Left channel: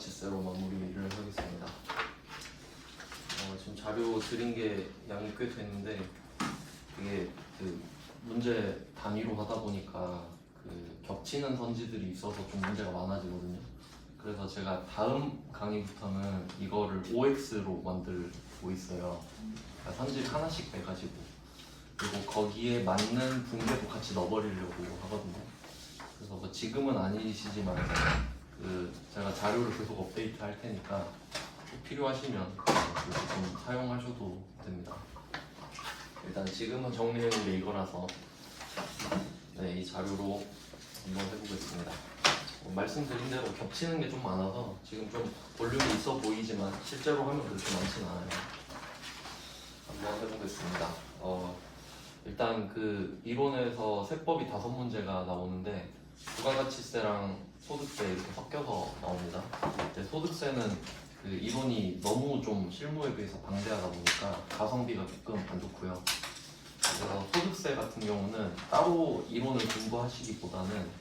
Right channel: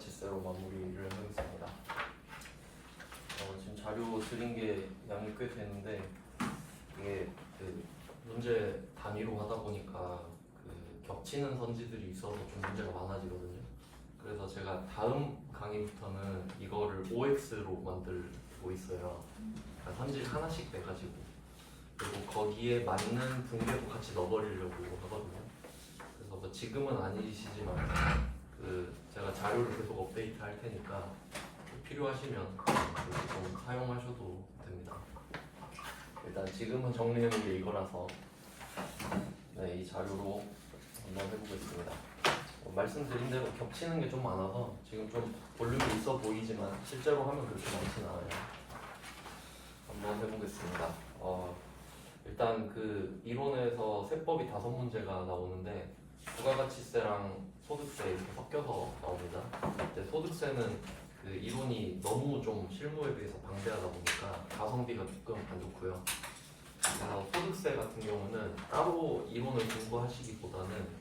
부가가치세로 마무리를 하겠습니다. 지금 자료 드린 게 양이 꽤 되는데 이게 그 문제 단위로 하다 보니까 그 겹치는 선지들이 있어서 좀 문제가 많아지거든요. 그래서 제가 다음 강의부터는 이거를 OX로 만들고 있어요. 그러니까 선지 하나씩 해가지고 그리고 거기에 맞는 분배도 같이 넣어버리려고 하거든요. 그래서 뭐 지금은 아니시지만 그 제가 자료를 계속 업데이트 할 테니까 필요하시면 좀 사용하셔도 됩니다. 일단 지금은 정리해놓은 게 이거라서 이 자료로 한번 해보겠습니다. 말씀드린 대로 겹치는 게 좀 많아서 지금 좀 볼륨이 있어 보이지만 실제로 하면 그렇게 많진 않아요. 한번 해보겠습니다. 일단 그 이론에서 세법이 5문제가 나오는데 부가가치세랑 소득세 이렇게 섞여서 나옵니다. 이제 소득세는 그 이론이 너무 좀 실무에 비해서 방대하다 보니까 가성비가 조금 안 좋고요. 그래서 소득세 같은 경우는 따로 이론을 공부하시기보다는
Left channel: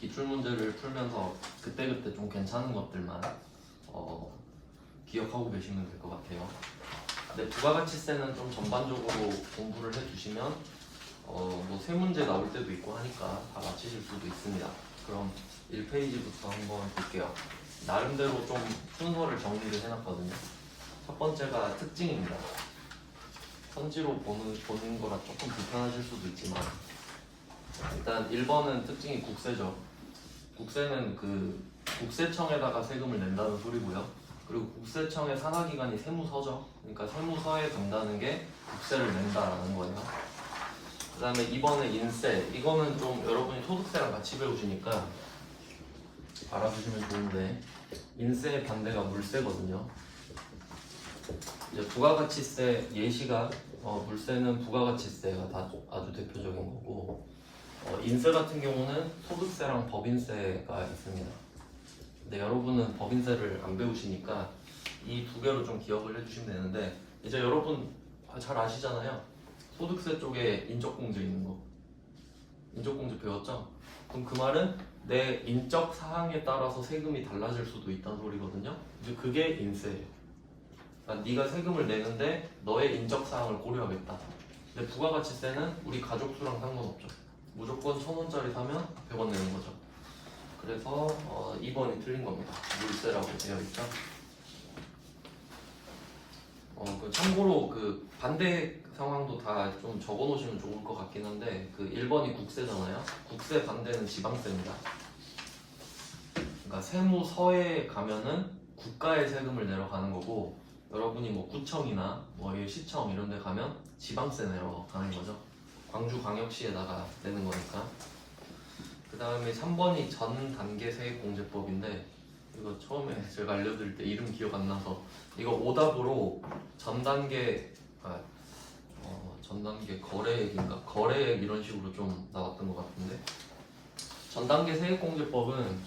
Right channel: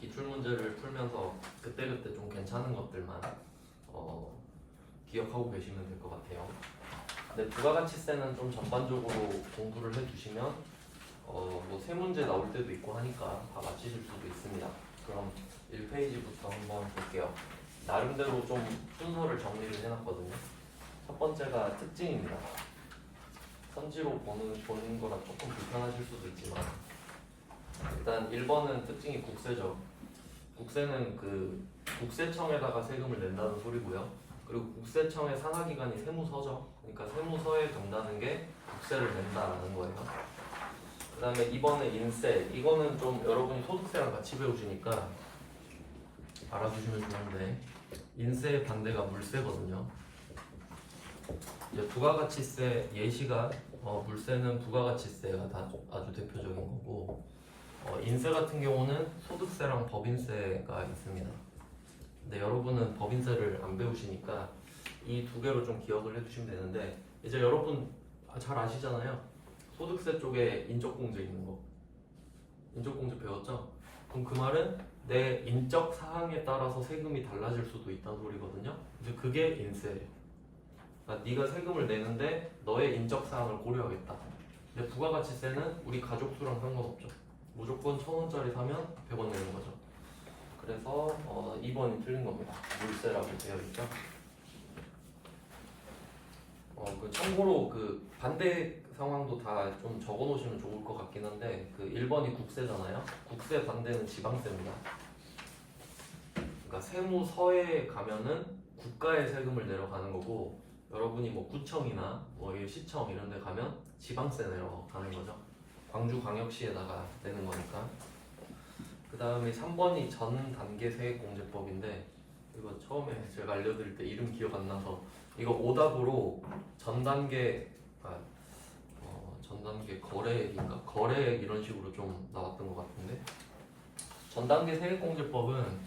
기출문제를 풀면서 그때그때 좀 괜찮은 것들만 기억하고 계시면 될 것 같아요. 근데 부가가치세는 좀 전반적으로 공부를 해주시면 뭐 3문제 나올 때도 있고 하니까 다 맞히실 수도 있습니다. 그럼 1페이지부터 한번 볼게요. 나름대로 좀 순서를 정리를 해놨거든요. 첫 번째가 특징입니다. 선지로 보는 거라 조금 불편하실 수도 있지만 일단 1번은 특징이 국세죠. 국세는 그 국세청에다가 세금을 낸다는 소리고요. 그리고 국세청의 산하기관이 세무서죠. 그러니까 세무서에 된다는 게 국세를 낸다라는 거예요. 그 다음에 2번은 인세. 이거는 좀 여러분이 소득세랑 같이 배우시니까 알아두시면 좋은데 인세의 반대가 물세거든요. 이제 부가가치세 예시가 물세는 부가가치세가 아주 대표적인 거고 인세 같은 경우는 소득세랑 법인세가 있습니다. 근데 여러분은 법인세를 안 배우시니까 이 2개로 좀 기억을 해주시면 되는데 이제 여러분 잘 아시잖아요. 소득세 쪽에 인적공제 있는 거. 인적공제 배웠죠? 그럼 그 말은 내 인적 사항에 따라서 세금이 달라질 수도 있다는 소리거든요. 이제 그게 인세예요. 그러니까 네가 세금을 내는데 너의 인적 사항을 고려하겠다. 근데 부가가치세는 우리 가족 수랑 상관없죠. 무조건 1,000원짜리 사면 100원 내는 거죠. 그래서 2번이 틀린 겁니다. 물세라고 되어 있죠. 참고로 그 반대 상황도 다 좀 적어 놓으시면 좋을 것 같긴 한데 그 1번이 국세잖아요. 국세 반대는 지방세입니다. 그러니까 세무서에 가면은 국가의 세금을 내러 가는 거고 여러분이 뭐 구청이나 뭐 시청 이런 데 가면 지방세 내러 가는 거죠. 광주광역시에다가 내는 거니까. 그 다음에 3번이 전 단계 세액공제법인데 이거 처음에 제가 알려드릴 때 이름 기억 안 나서 이거 오답으로 전 단계 거래액인가? 거래액 이런 식으로 좀 나왔던 것 같은데 전 단계 세액공제법은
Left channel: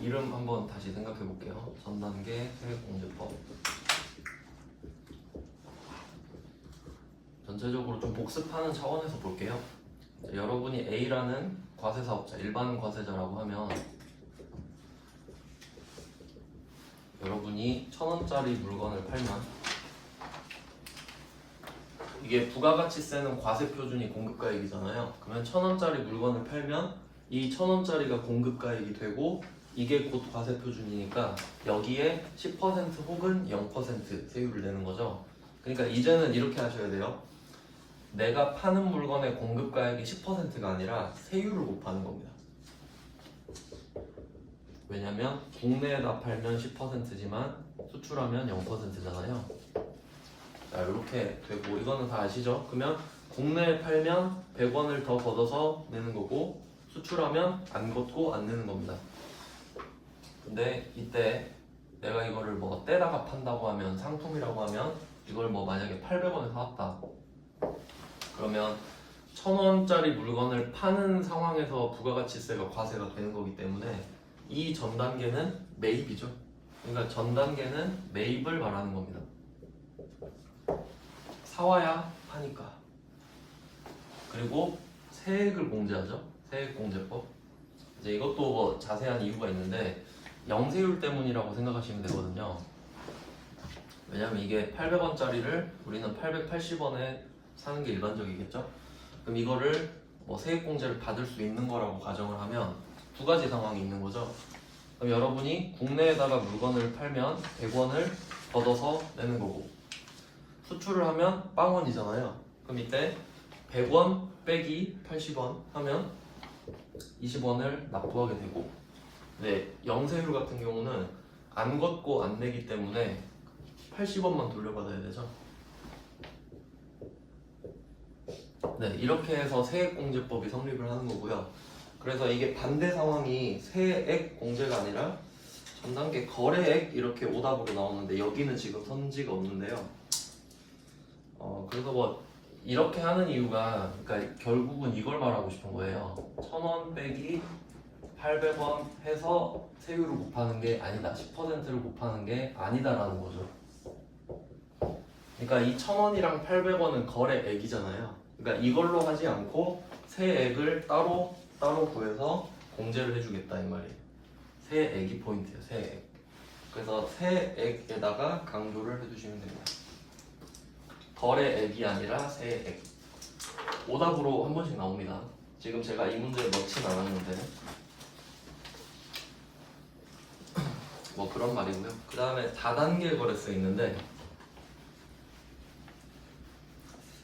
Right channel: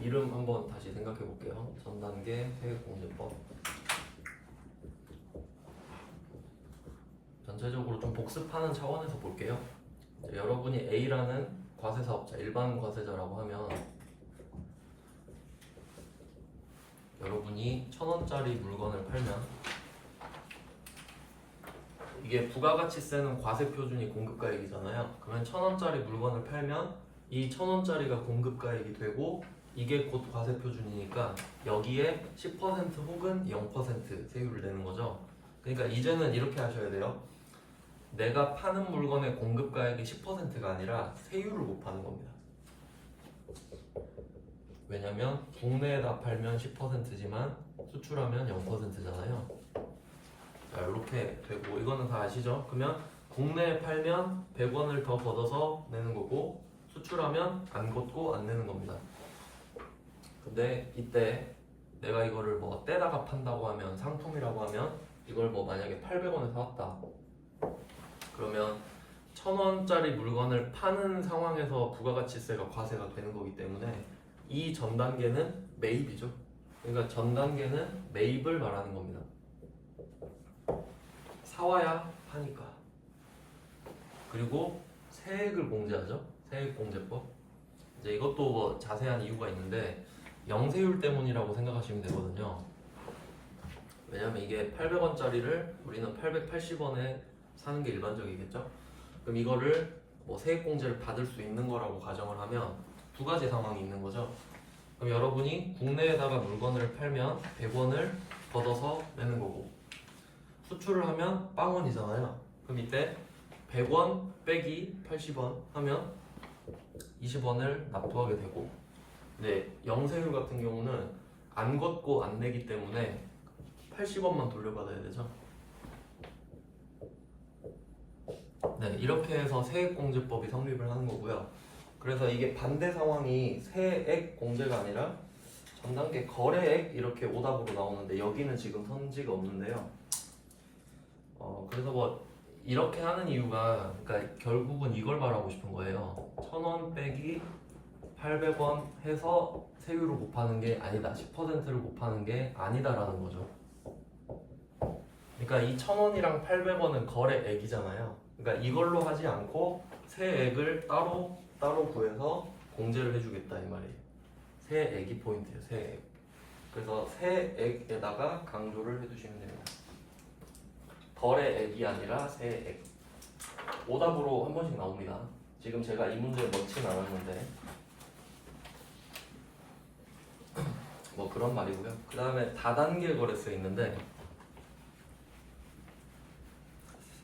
이름 한번 다시 생각해 볼게요. 전 단계 세액공제법 전체적으로 좀 복습하는 차원에서 볼게요. 여러분이 A라는 과세사업자, 일반 과세자라고 하면 여러분이 1,000원짜리 물건을 팔면 이게 부가가치세는 과세표준이 공급가액이잖아요. 그러면 1,000원짜리 물건을 팔면 이 1,000원짜리가 공급가액이 되고 이게 곧 과세표준이니까 여기에 10% 혹은 0% 세율을 내는 거죠. 그러니까 이제는 이렇게 하셔야 돼요. 내가 파는 물건의 공급가액이 10%가 아니라 세율을 곱하는 겁니다. 왜냐면 국내에다 팔면 10%지만 수출하면 0%잖아요. 자, 이렇게 되고 이거는 다 아시죠? 그러면 국내에 팔면 100원을 더 걷어서 내는 거고 수출하면 안 걷고 안 내는 겁니다. 근데 이때 내가 이거를 뭐 떼다가 판다고 하면 상품이라고 하면 이걸 뭐 만약에 800원에 사왔다. 그러면 1,000원짜리 물건을 파는 상황에서 부가가치세가 과세가 되는 거기 때문에 이 전 단계는 매입이죠. 그러니까 전 단계는 매입을 말하는 겁니다. 사와야 파니까. 그리고 세액을 공제하죠. 세액공제법. 이제 이것도 뭐 자세한 이유가 있는데 영세율 때문이라고 생각하시면 되거든요. 왜냐면 이게 800원짜리를 우리는 880원에 사는 게 일반적이겠죠? 그럼 이거를 뭐 세액공제를 받을 수 있는 거라고 가정을 하면 두 가지 상황이 있는 거죠. 그럼 여러분이 국내에다가 물건을 팔면 100원을 걷어서 내는 거고 수출을 하면 빵원이잖아요. 그럼 이때 100원 빼기 80원 하면 20원을 납부하게 되고, 근데 영세율 같은 경우는 안 걷고 안 내기 때문에 80원만 돌려받아야 되죠. 네, 이렇게 해서 세액공제법이 성립을 하는 거고요. 그래서 이게 반대 상황이 세액공제가 아니라 전 단계 거래액 이렇게 오답으로 나오는데 여기는 지금 선지가 없는데요. 그래서 뭐 이렇게 하는 이유가 그러니까 결국은 이걸 말하고 싶은 거예요. 1000원 빼기 800원 해서 세율을 곱하는 게 아니다. 10%를 곱하는 게 아니다라는 거죠. 그러니까 이 1000원이랑 800원은 거래액이잖아요. 그러니까 이걸로 하지 않고 세액을 따로 구해서 공제를 해주겠다 이 말이에요. 세액이 포인트예요. 세액. 그래서 세액에다가 강조를 해주시면 됩니다. 거래액이 아니라 세액. 오답으로 한 번씩 나옵니다. 지금 제가 이 문제에 넣진 않았는데 뭐 그런 말이고요. 그 다음에 다단계 거래세 있는데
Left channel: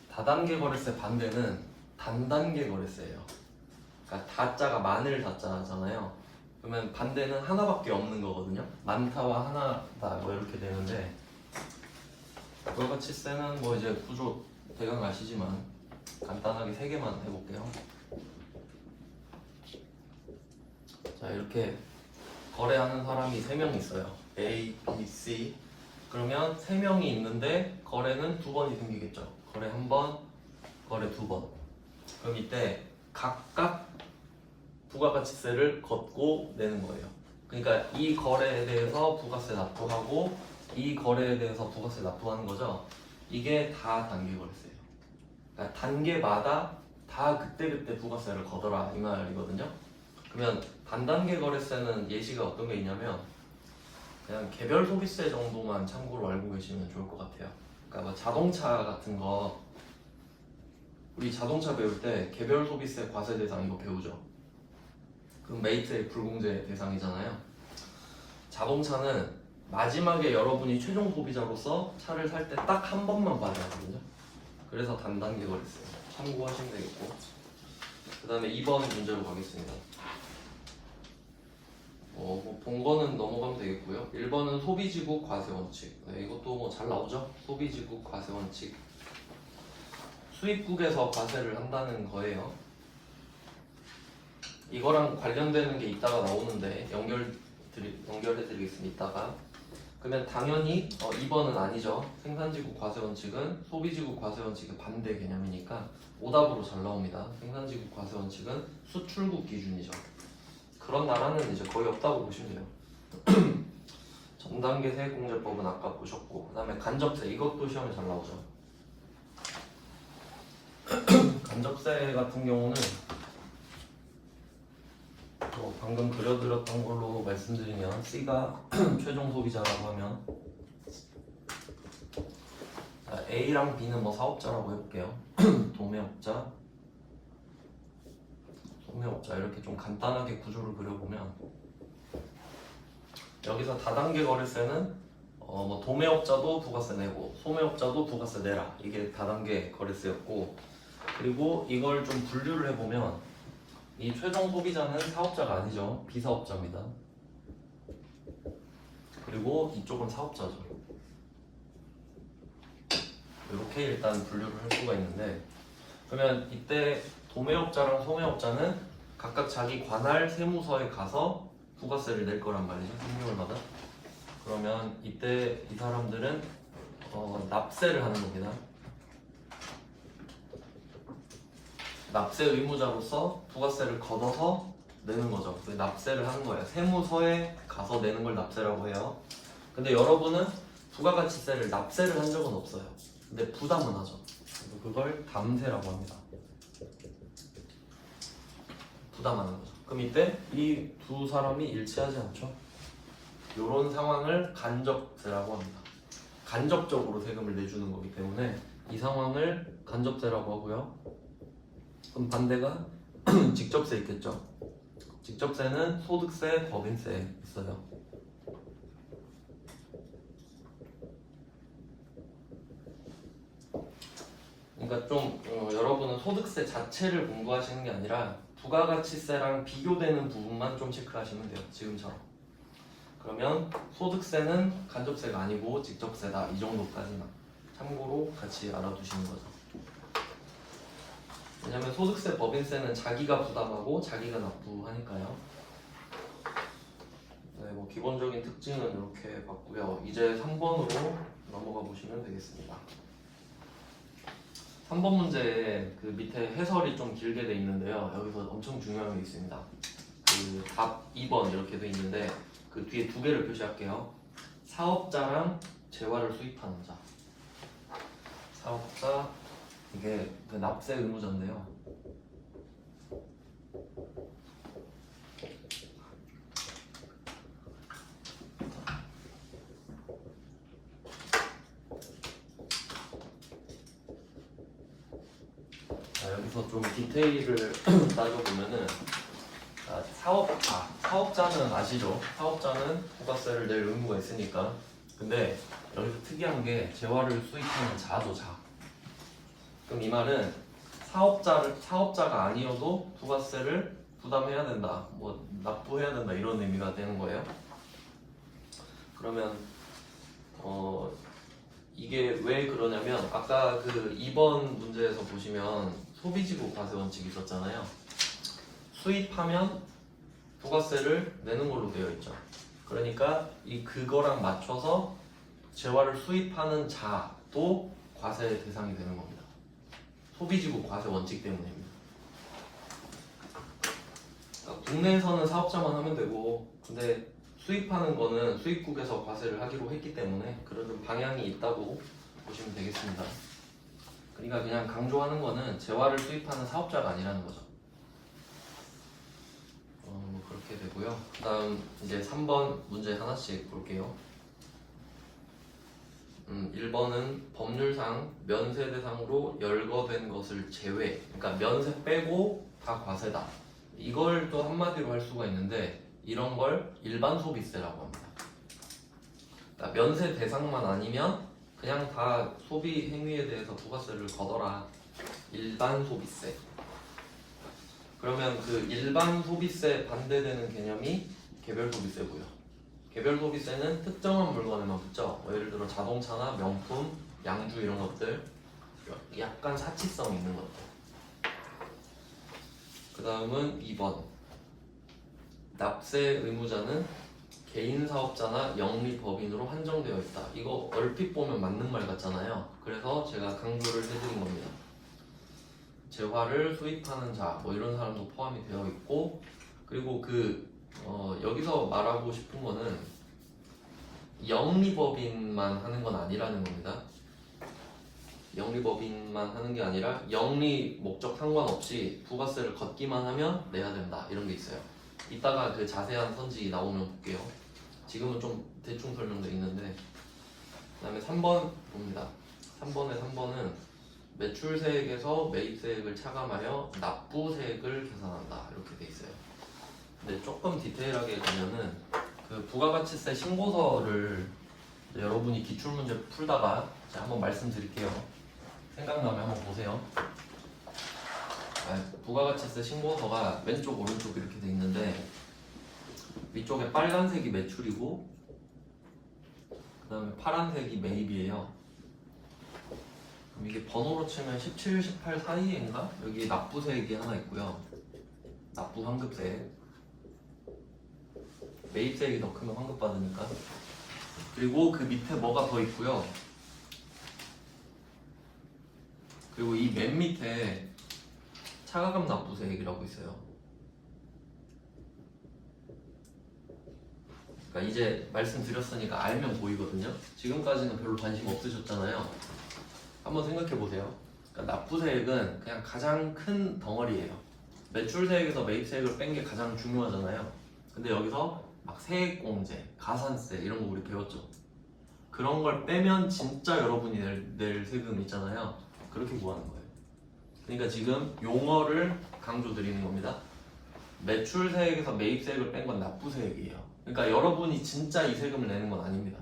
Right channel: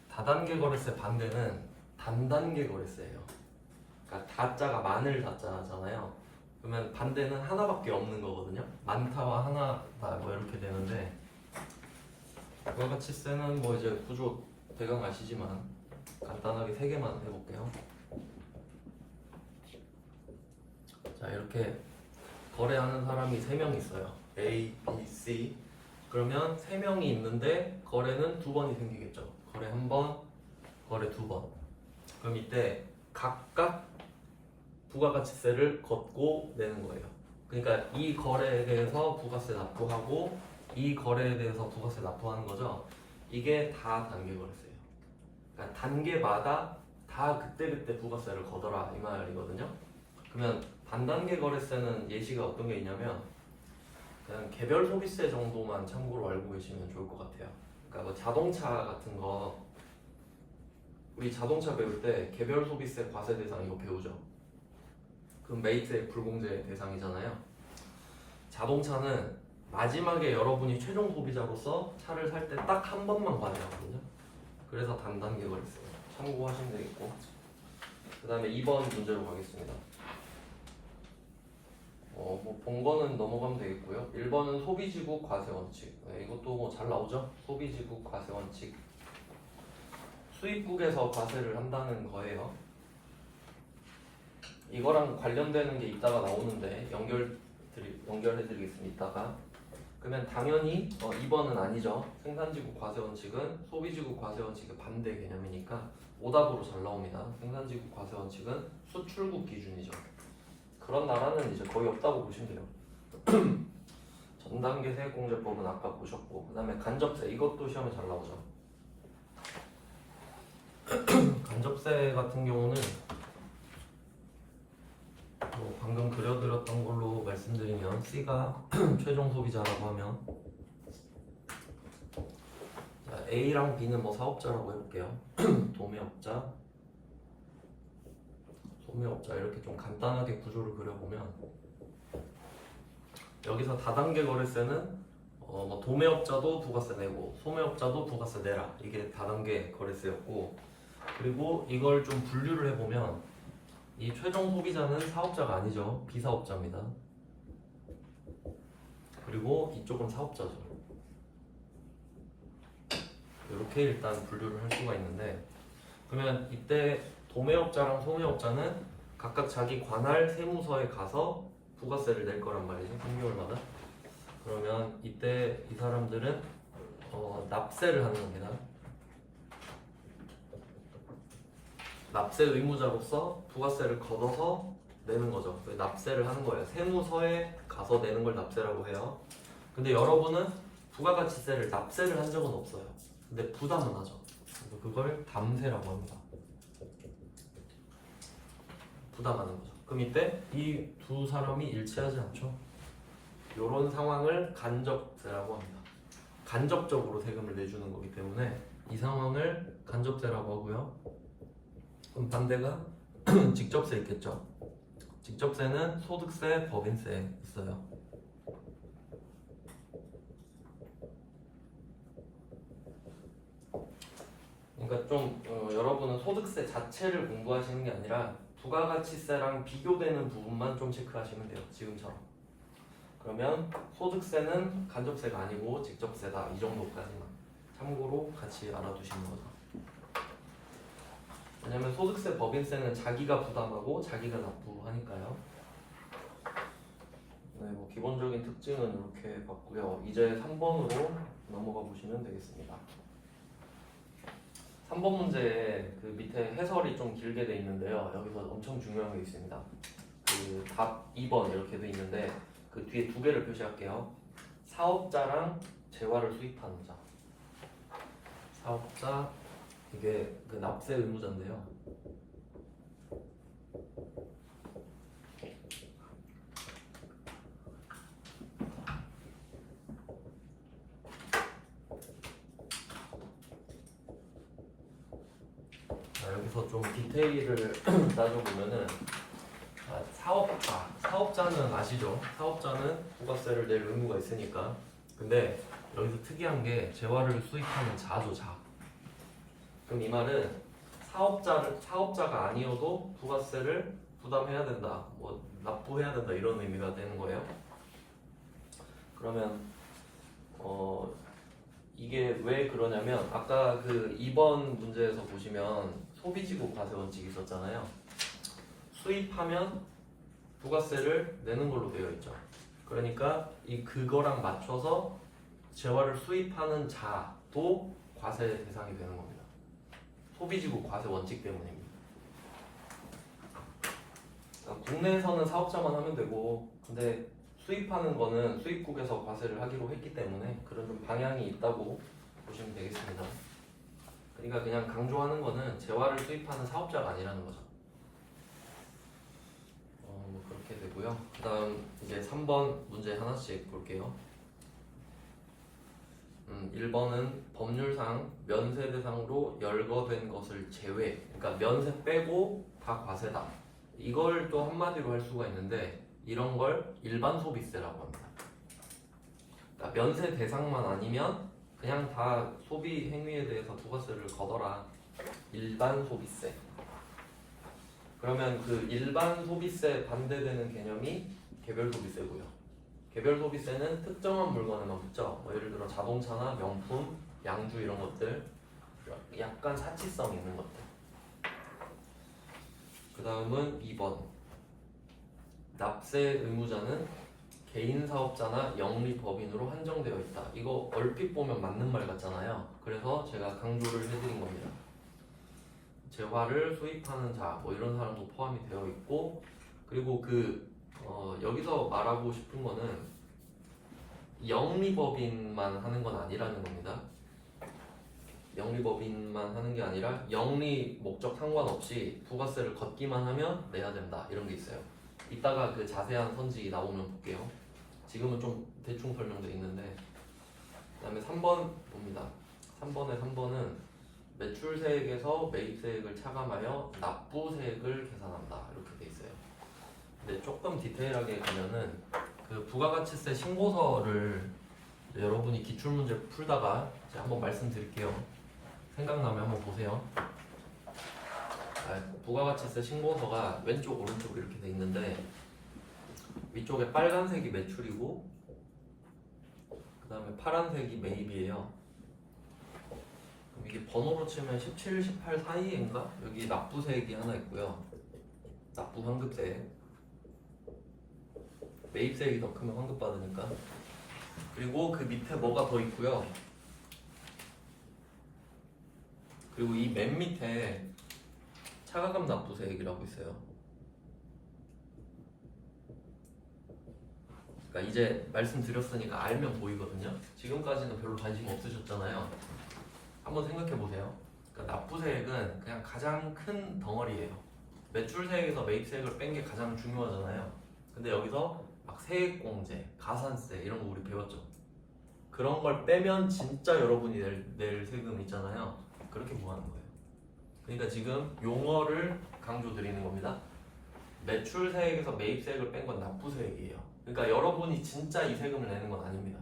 다단계 거래세 반대는 단단계 거래세예요. 그러니까 다자가 많을 다자잖아요. 그러면 반대는 하나밖에 없는 거거든요. 많다와 하나다 뭐 이렇게 되는데 부가가치세는 뭐 이제 구조 대강 아시지만 간단하게 3개만 해볼게요. 자, 이렇게 거래하는 사람이 3명 있어요. A, B, C. 그러면 3명이 있는데 거래는 2번이 생기겠죠. 거래 1번, 거래 2번. 그럼 이때 각각 부가가치세를 걷고 내는 거예요. 그러니까 이 거래에 대해서 부가세 납부하고 이 거래에 대해서 부가세 납부하는 거죠. 이게 다 단계 거래세예요. 그러니까 단계마다 다 그때그때 부가세를 걷어라 이 말이거든요. 그러면 단단계 거래세는 예시가 어떤 게 있냐면 그냥 개별 소비세 정도만 참고로 알고 계시면 좋을 것 같아요. 그러니까 뭐 자동차 같은 거 우리 자동차 배울 때 개별 소비세 과세 대상 이거 배우죠. 그럼 매입세 불공제 대상이잖아요. 자동차는 마지막에 여러분이 최종 소비자로서 차를 살 때 딱 한 번만 받아야 하거든요. 그래서 단단계 거래세 참고하시면 되겠고, 그 다음에 2번 문제로 가겠습니다. 뭐 본거는 넘어가면 되겠고요. 1번은 소비지국 과세 원칙. 네, 이것도 뭐 잘 나오죠. 소비지국 과세 원칙. 수입국에서 과세를 한다는 거예요. 이거랑 관련되는 게 이따가 나오는데 연결해드리겠습니다. 이따가. 그러면 당연히 2번은 아니죠. 생산지국 과세 원칙은 소비지국 과세 원칙의 반대 개념이니까 오답으로 잘 나옵니다. 생산지국 과세 원칙은 수출국 기준이죠. 그런 나라는 이제 거의 없다고 보시면 돼요. 전단계 세액공제법은 아까 보셨고, 그 다음에 간접세 이것도 시험에 잘 나오죠. 간접세 같은 경우는 방금 그려드렸던 걸로 말씀드리면 C가 최종 소비자라고 하면 자, A랑 B는 뭐 사업자라고 해볼게요. 도매업자, 소매업자 이렇게 좀 간단하게 구조를 그려보면 여기서 다단계 거래세는 뭐 도매업자도 부가세 내고 소매업자도 부가세 내라 이게 다단계 거래세였고, 그리고 이걸 좀 분류를 해보면 이 최종 소비자는 사업자가 아니죠. 비사업자입니다. 그리고 이쪽은 사업자죠. 이렇게 일단 분류를 할 수가 있는데, 그러면 이때 도매업자랑 소매업자는 각각 자기 관할 세무서에 가서 부가세를 낼 거란 말이죠. 3개월마다. 그러면 이때 이 사람들은 납세를 하는 겁니다. 납세 의무자로서 부가세를 걷어서 내는 거죠. 그래서 납세를 하는 거예요. 세무서에 가서 내는 걸 납세라고 해요. 근데 여러분은 부가가치세를 납세를 한 적은 없어요. 근데 부담은 하죠. 그래서 그걸 담세라고 합니다. 부담하는 거죠. 그럼 이때 이 두 사람이 일치하지 않죠? 이런 상황을 간접세라고 합니다. 간접적으로 세금을 내주는 거기 때문에 이 상황을 간접세라고 하고요. 그럼 반대가 직접세 있겠죠? 직접세는 소득세, 법인세 있어요. 그러니까 좀 여러분은 소득세 자체를 공부하시는 게 아니라 부가가치세랑 비교되는 부분만 좀 체크하시면 돼요. 지금처럼. 그러면 소득세는 간접세가 아니고 직접세다. 이 정도까지만 참고로 같이 알아두시는 거죠. 왜냐면 소득세, 법인세는 자기가 부담하고 자기가 납부하니까요. 네, 뭐 기본적인 특징은 이렇게 봤고요. 이제 3번으로 넘어가 보시면 되겠습니다. 3번 문제에 그 밑에 해설이 좀 길게 돼 있는데요. 여기서 엄청 중요한 게 있습니다. 그 답 2번 이렇게 돼 있는데 그 뒤에 두 개를 표시할게요. 사업자랑 재화를 수입하는 자. 사업자 이게 그 납세 의무자인데요. 자, 여기서 좀 디테일을 따져보면은 사업자는 아시죠? 사업자는 부가세를 낼 의무가 있으니까. 근데 여기서 특이한 게 재화를 수입하는 자죠, 자. 그럼 이 말은 사업자가 아니어도 부가세를 부담해야 된다, 뭐 납부해야 된다 이런 의미가 되는 거예요. 그러면 이게 왜 그러냐면 아까 그 2번 문제에서 보시면 소비지구 과세 원칙이 있었잖아요. 수입하면 부가세를 내는 걸로 되어 있죠. 그러니까 그거랑 맞춰서 재화를 수입하는 자도 과세 대상이 되는 겁니다. 소비지구 과세 원칙 때문입니다. 국내에서는 사업자만 하면 되고, 근데 수입하는 거는 수입국에서 과세를 하기로 했기 때문에 그런 좀 방향이 있다고 보시면 되겠습니다. 그러니까 그냥 강조하는 거는 재화를 수입하는 사업자가 아니라는 거죠. 뭐 그렇게 되고요. 그 다음 이제 3번 문제 하나씩 볼게요. 1번은 법률상 면세 대상으로 열거된 것을 제외, 그러니까 면세 빼고 다 과세다. 이걸 또 한마디로 할 수가 있는데 이런 걸 일반 소비세라고 합니다. 그러니까 면세 대상만 아니면 그냥 다 소비 행위에 대해서 부가세를 걷어라. 일반 소비세. 그러면 그 일반 소비세 반대되는 개념이 개별 소비세고요. 개별 소비세는 특정한 물건에만 붙죠. 뭐 예를 들어 자동차나 명품, 양주 이런 것들, 약간 사치성 있는 것들. 그 다음은 2번. 납세 의무자는 개인 사업자나 영리법인으로 한정되어 있다. 이거 얼핏 보면 맞는 말 같잖아요. 그래서 제가 강조를 해드린 겁니다. 재화를 수입하는 자, 뭐 이런 사람도 포함이 되어 있고, 그리고 여기서 말하고 싶은 거는 영리법인만 하는 건 아니라는 겁니다. 영리법인만 하는 게 아니라 영리 목적 상관없이 부가세를 걷기만 하면 내야 된다, 이런 게 있어요. 이따가 그 자세한 선지 나오면 볼게요. 지금은 좀 대충 설명돼 있는데. 그 다음에 3번 봅니다. 3번은 매출세액에서 매입세액을 차감하여 납부세액을 계산한다, 이렇게 돼 있어요. 근데 조금 디테일하게 보면은 그 부가가치세 신고서를 여러분이 기출문제 풀다가 제가 한번 말씀드릴게요. 생각나면 한번 보세요. 부가가치세 신고서가 왼쪽 오른쪽 이렇게 돼 있는데 위쪽에 빨간색이 매출이고 그 다음에 파란색이 매입이에요. 그럼 이게 번호로 치면 17, 18 사이인가? 여기 납부세액이 하나 있고요. 납부 환급세액. 매입세액이 더 크면 환급 받으니까. 그리고 그 밑에 뭐가 더 있고요. 그리고 이 맨 밑에 차가감 납부세액이라고 있어요. 그러니까 이제 말씀드렸으니까 알면 보이거든요. 지금까지는 별로 관심 없으셨잖아요. 한번 생각해 보세요. 그러니까 납부세액은 그냥 가장 큰 덩어리예요. 매출세액에서 매입세액을 뺀 게 가장 중요하잖아요. 근데 여기서 막 세액공제, 가산세 이런 거 우리 배웠죠. 그런 걸 빼면 진짜 여러분이 낼 세금 있잖아요. 그렇게 구하는 거예요. 그러니까 지금 용어를 강조드리는 겁니다. 매출세액에서 매입세액을 뺀 건 납부세액이에요. 그러니까 여러분이 진짜 이 세금을 내는 건 아닙니다.